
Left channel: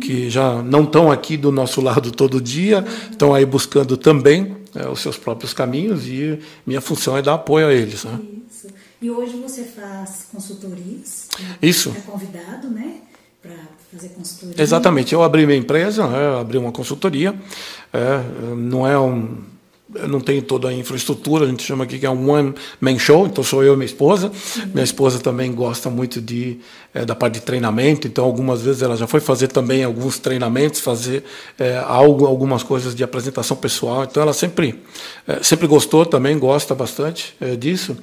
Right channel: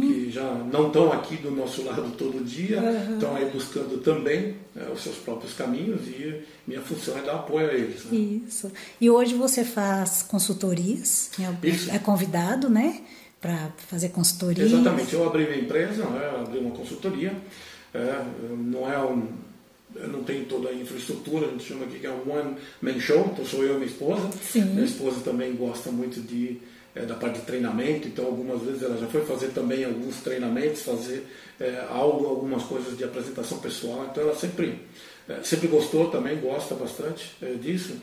que já não estão aqui do nosso lado todo dia, estão aí buscando também os seus próprios caminhos, e minha função é dar apoio a eles. Né? Isso. E hoje você faz consultorias, né? Isso. É convidado, né, para fazer consultoria. Exatamente. Eu abri minha empresa, abri uma consultoria. Não é eu não tenho toda a infraestrutura, a gente chama aqui que é um one-man show, então sou eu e minha esposa. Minha esposa também gosta muito da parte de treinamento, então algumas vezes ela já foi fazer também alguns treinamentos, fazer algumas coisas de apresentação pessoal, então ela sempre gostou também, gosta bastante disso.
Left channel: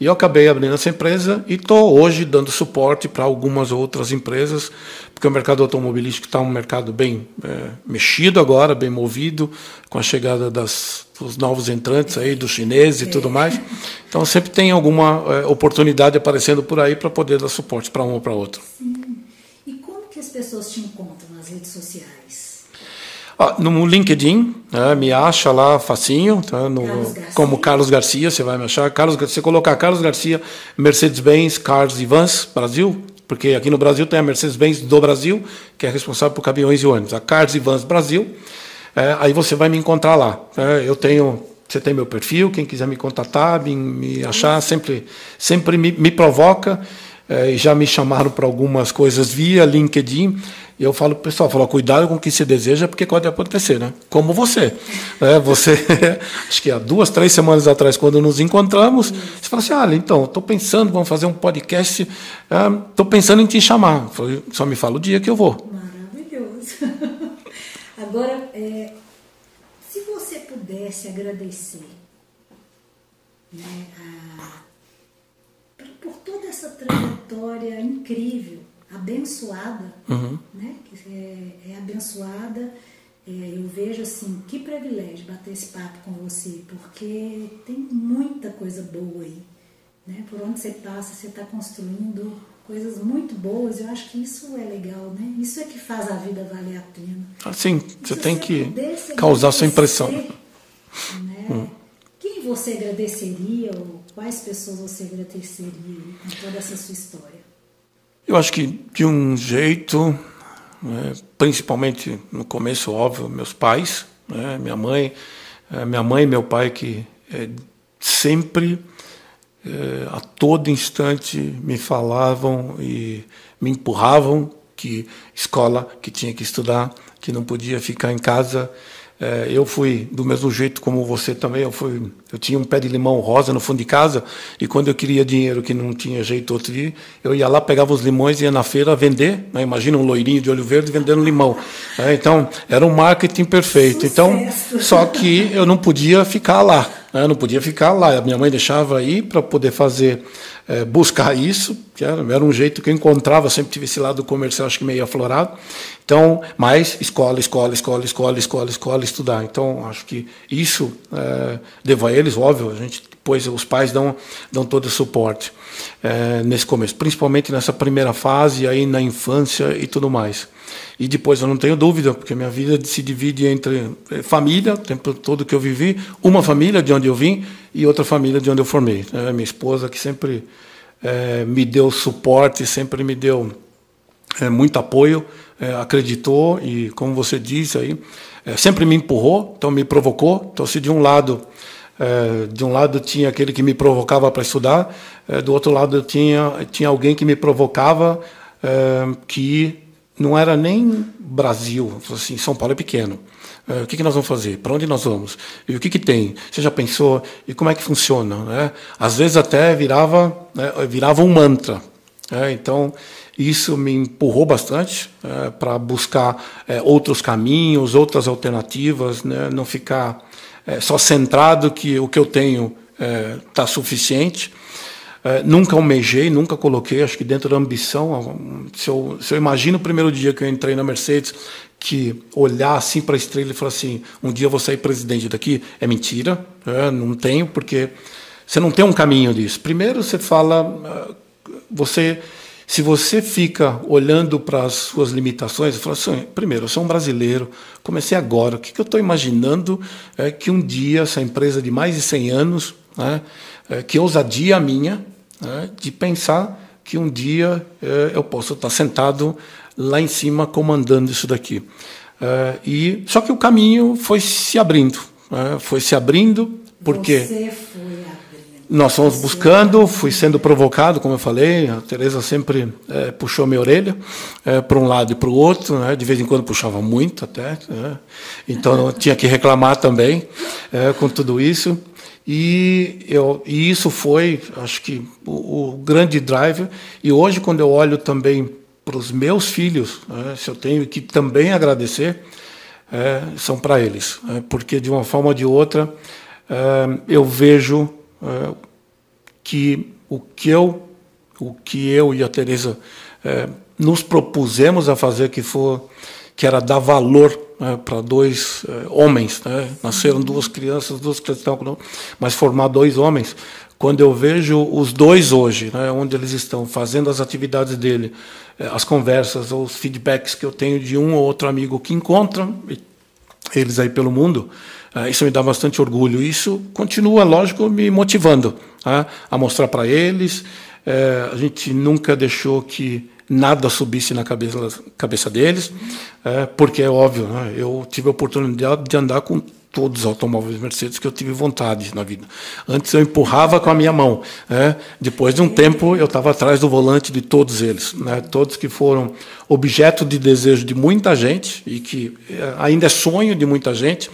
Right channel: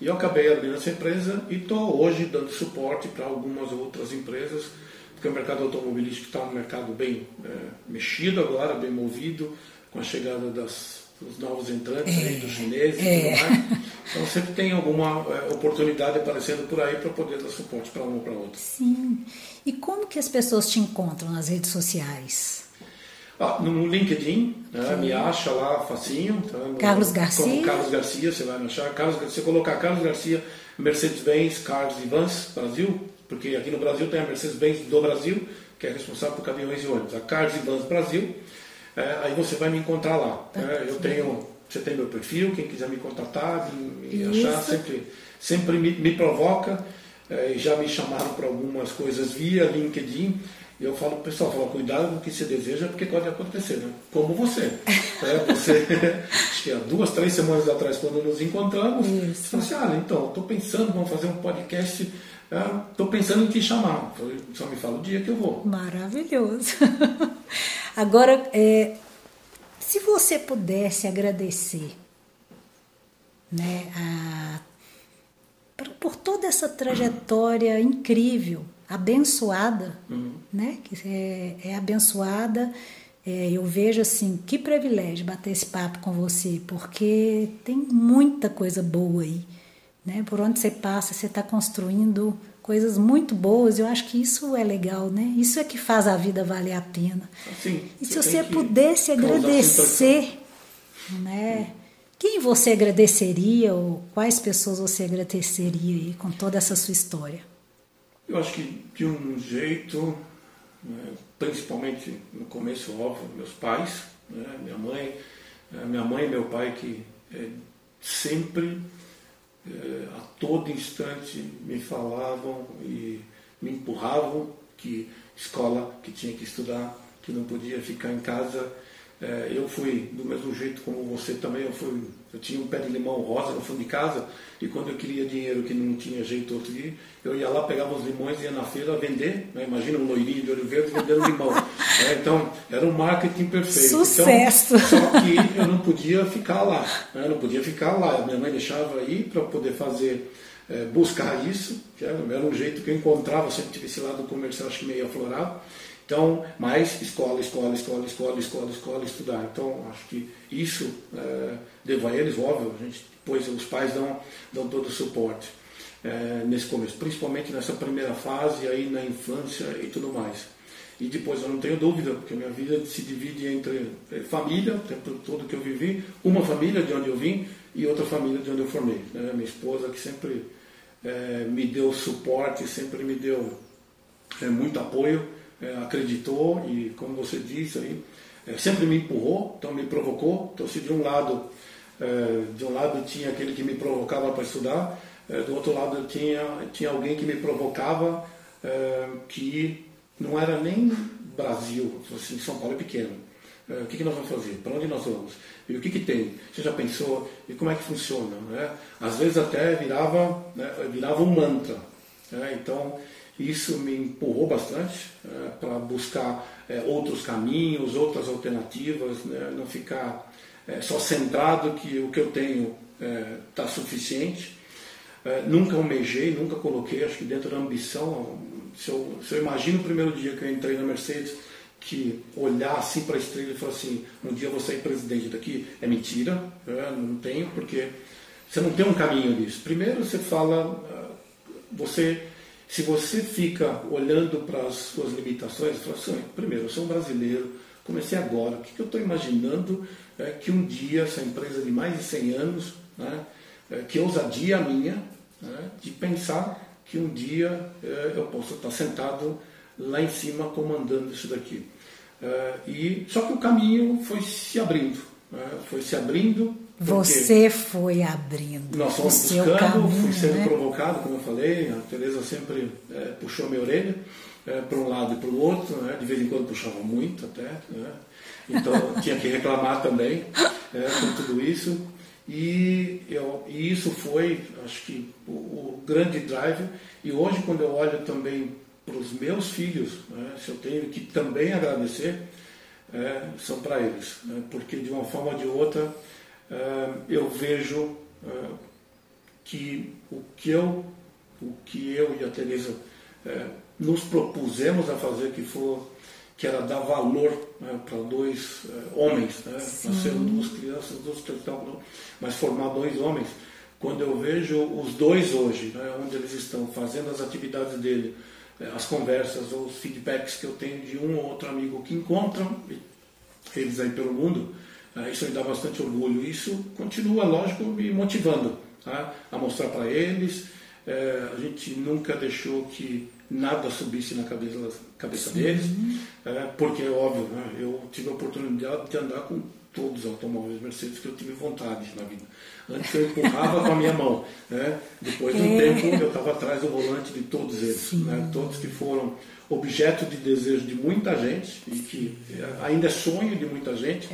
E eu acabei abrindo essa empresa e estou hoje dando suporte para algumas outras empresas, porque o mercado automobilístico está um mercado bem mexido agora, bem movido, com a chegada dos novos entrantes aí, dos chineses e tudo mais. Então sempre tem alguma oportunidade aparecendo por aí para poder dar suporte para um ou para outro. Sim. E como que as pessoas te encontram nas redes sociais? No LinkedIn, me acha lá facinho, tá? Carlos Garcia. Como Carlos Garcia, você vai me achar. Você colocar Carlos Garcia, Mercedes-Benz, Cars e Vans, Brasil, porque aqui no Brasil tem a Mercedes-Benz do Brasil, que é responsável por caminhões e ônibus. A Cars e Vans Brasil, aí você vai me encontrar lá. Você tem meu perfil, quem quiser me contatar, me achar, sempre me provoca. Já me chamaram para algumas coisas via LinkedIn. E eu falo, pessoal, cuidado com o que se deseja, porque pode acontecer, né? Como você. Acho que há 2, 3 semanas atrás, quando nos encontramos, você fala assim, então, estou pensando, vamos fazer um podcast, estou pensando em te chamar. Eu falei, só me fala o dia que eu vou. Maravilhoso. Agora, se você pudesse agradecer, né, por toda essa trajetória incrível, abençoada, né? Que é abençoada. Eu vejo assim, que privilégio bater esse papo com você, porque tem muita coisa boa aí, né? Por onde você passa, você está construindo coisas muito boas. Eu acho que isso é legal, né? Isso é que faz a vida valer a pena. Sim, você tem que causar sua impressão. Né? Quem você agradeceria, ou quais pessoas você agradeceria aí com toda essa sua história? Eu acho que de um jeito, principalmente no começo, óbvio, meus pais, minha mãe e meu pai, que sempre, a todo instante, me falavam e me empurravam que escola, que tinha que estudar, que não podia ficar em casa. Eu fui do mesmo jeito como você também. Eu tinha um pé de limão rosa no fundo de casa, e quando eu queria dinheiro que não tinha jeito outro dia, eu ia lá, pegava os limões e ia na feira vender. Imagina um loirinho de olho verde vendendo limão. Então, era um marketing perfeito. Sucesso. Então, só que eu não podia ficar lá. Não podia ficar lá. A minha mãe deixava ir para poder fazer, buscar isso, que era um jeito que eu encontrava. Sempre tive esse lado comercial, acho que meio aflorado. Então, mais escola, estudar. Então, acho que isso devo a eles, óbvio. Depois os pais dão todo o suporte nesse começo, principalmente nessa primeira fase, aí na infância e tudo mais. E depois eu não tenho dúvida, porque a minha vida se divide entre família, o tempo todo que eu vivi, uma família de onde eu vim e outra família de onde eu formei. Minha esposa, que sempre me deu suporte, sempre me deu muito apoio, acreditou e, como você disse aí, sempre me empurrou, então me provocou. Então, se de um lado tinha aquele que me provocava para estudar, do outro lado tinha alguém que me provocava, que não era nem Brasil, assim, São Paulo é pequeno. O que nós vamos fazer? Para onde nós vamos? E o que tem? Você já pensou? E como é que funciona? Né? Às vezes até virava um mantra. Então, isso me empurrou bastante para buscar outros caminhos, outras alternativas, né? Não ficar só centrado que o que eu tenho está suficiente. Nunca almejei, nunca coloquei, acho que dentro da ambição. Se eu imagino o primeiro dia que eu entrei na Mercedes, que olhar assim para a estrela e falar assim, um dia eu vou sair presidente daqui, é mentira, não tenho, porque você não tem um caminho disso. Primeiro você fala, se você fica olhando para as suas limitações, você fala assim, primeiro, eu sou um brasileiro, comecei agora, o que eu estou imaginando é que um dia essa empresa de mais de 100 anos né? Que ousadia minha, né? De pensar que um dia eu posso estar sentado lá em cima comandando isso daqui. Só que o caminho foi se abrindo. Foi se abrindo porque... Você foi abrindo. Nós fomos buscando, fui sendo provocado, como eu falei. A Tereza sempre puxou minha orelha para um lado e para o outro, né? De vez em quando puxava muito até. Então eu tinha que reclamar também com tudo isso. E isso foi, acho que, o grande drive. E hoje, quando eu olho também para os meus filhos, se eu tenho que também agradecer, são para eles. Porque, de uma forma ou de outra, eu vejo que o que eu e a Tereza nos propusemos a fazer, que era dar valor para dois homens, né? Nasceram duas crianças mas formar dois homens. Quando eu vejo os dois hoje, né, onde eles estão fazendo as atividades dele, as conversas, os feedbacks que eu tenho de um ou outro amigo que encontram eles aí pelo mundo, isso me dá bastante orgulho. Isso continua, lógico, me motivando a mostrar para eles. A gente nunca deixou que nada subisse na cabeça deles, porque é óbvio, né? Eu tive a oportunidade de andar com todos os automóveis Mercedes que eu tive vontade na vida. Antes eu empurrava com a minha mão, depois de um tempo eu estava atrás do volante de todos eles, né? Todos que foram objeto de desejo de muita gente e que ainda é sonho de muita gente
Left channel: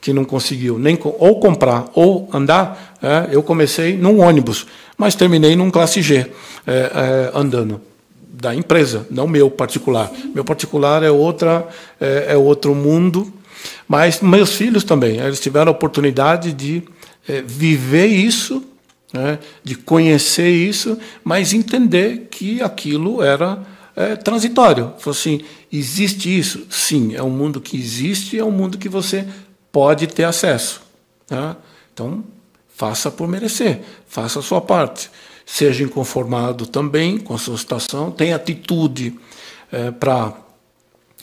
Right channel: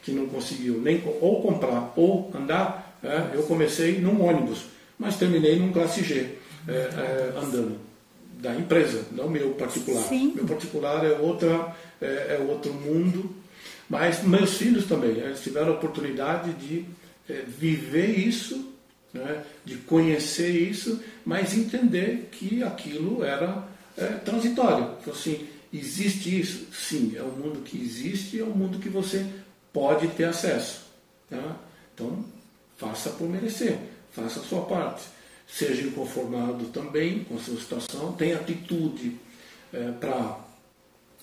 que não conseguiu nem ou comprar ou andar. Eu comecei num ônibus, mas terminei num classe G andando. Da empresa, não meu particular. Sim. Meu particular é outro mundo, mas meus filhos também, eles tiveram a oportunidade de viver isso, né, de conhecer isso, mas entender que aquilo era transitório. Falei assim, existe isso? Sim, é um mundo que existe, é um mundo que você pode ter acesso. Né? Então, faça por merecer, faça a sua parte. Seja inconformado também com a sua situação, tenha atitude para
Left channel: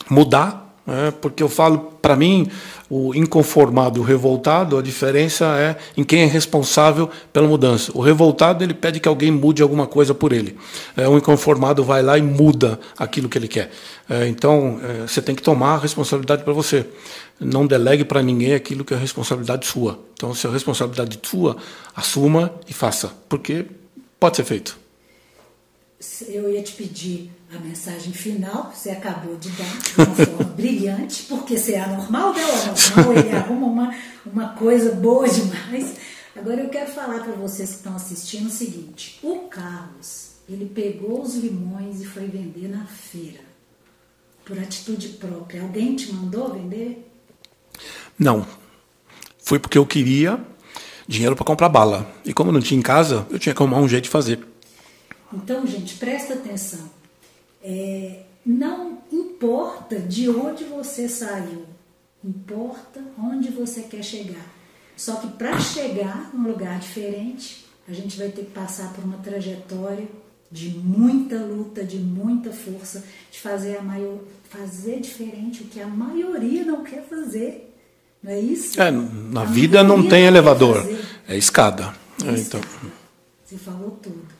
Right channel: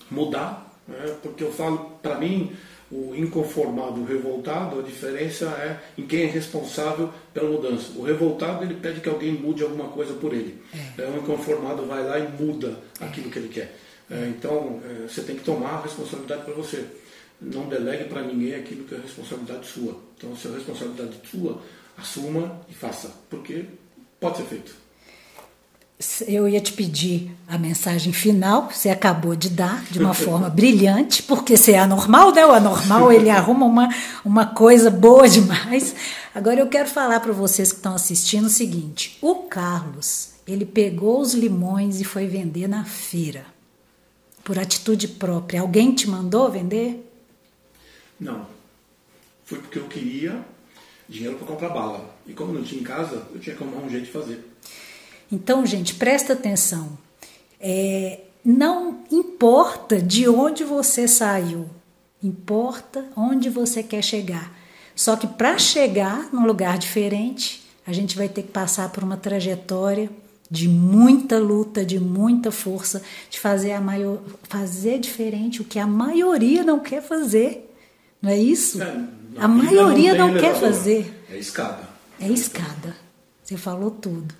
mudar, porque eu falo, para mim, o inconformado e o revoltado, a diferença é em quem é responsável pela mudança. O revoltado, ele pede que alguém mude alguma coisa por ele. O inconformado vai lá e muda aquilo que ele quer. Então, você tem que tomar a responsabilidade para você. Não delegue para ninguém aquilo que é responsabilidade sua. Então, se é responsabilidade sua, assuma e faça, porque pode ser feito. Eu ia te pedir a mensagem final, que você acabou de dar de uma forma brilhante, porque você é anormal, né? O anormal, ele arruma uma coisa boa demais. Agora eu quero falar para vocês que estão assistindo o seguinte: o Carlos, ele pegou os limões e foi vender na feira, por atitude própria. Alguém te mandou vender? Não. Foi porque eu queria dinheiro para comprar bala. E como eu não tinha em casa, eu tinha que arrumar um jeito de fazer. Então, gente, presta atenção. Não importa de onde você saiu, importa onde você quer chegar. Só que para chegar num lugar diferente, a gente vai ter que passar por uma trajetória de muita luta, de muita força, de fazer diferente o que a maioria não quer fazer. Não é isso? Na vida não tem elevador, é escada. É escada. Você falou tudo.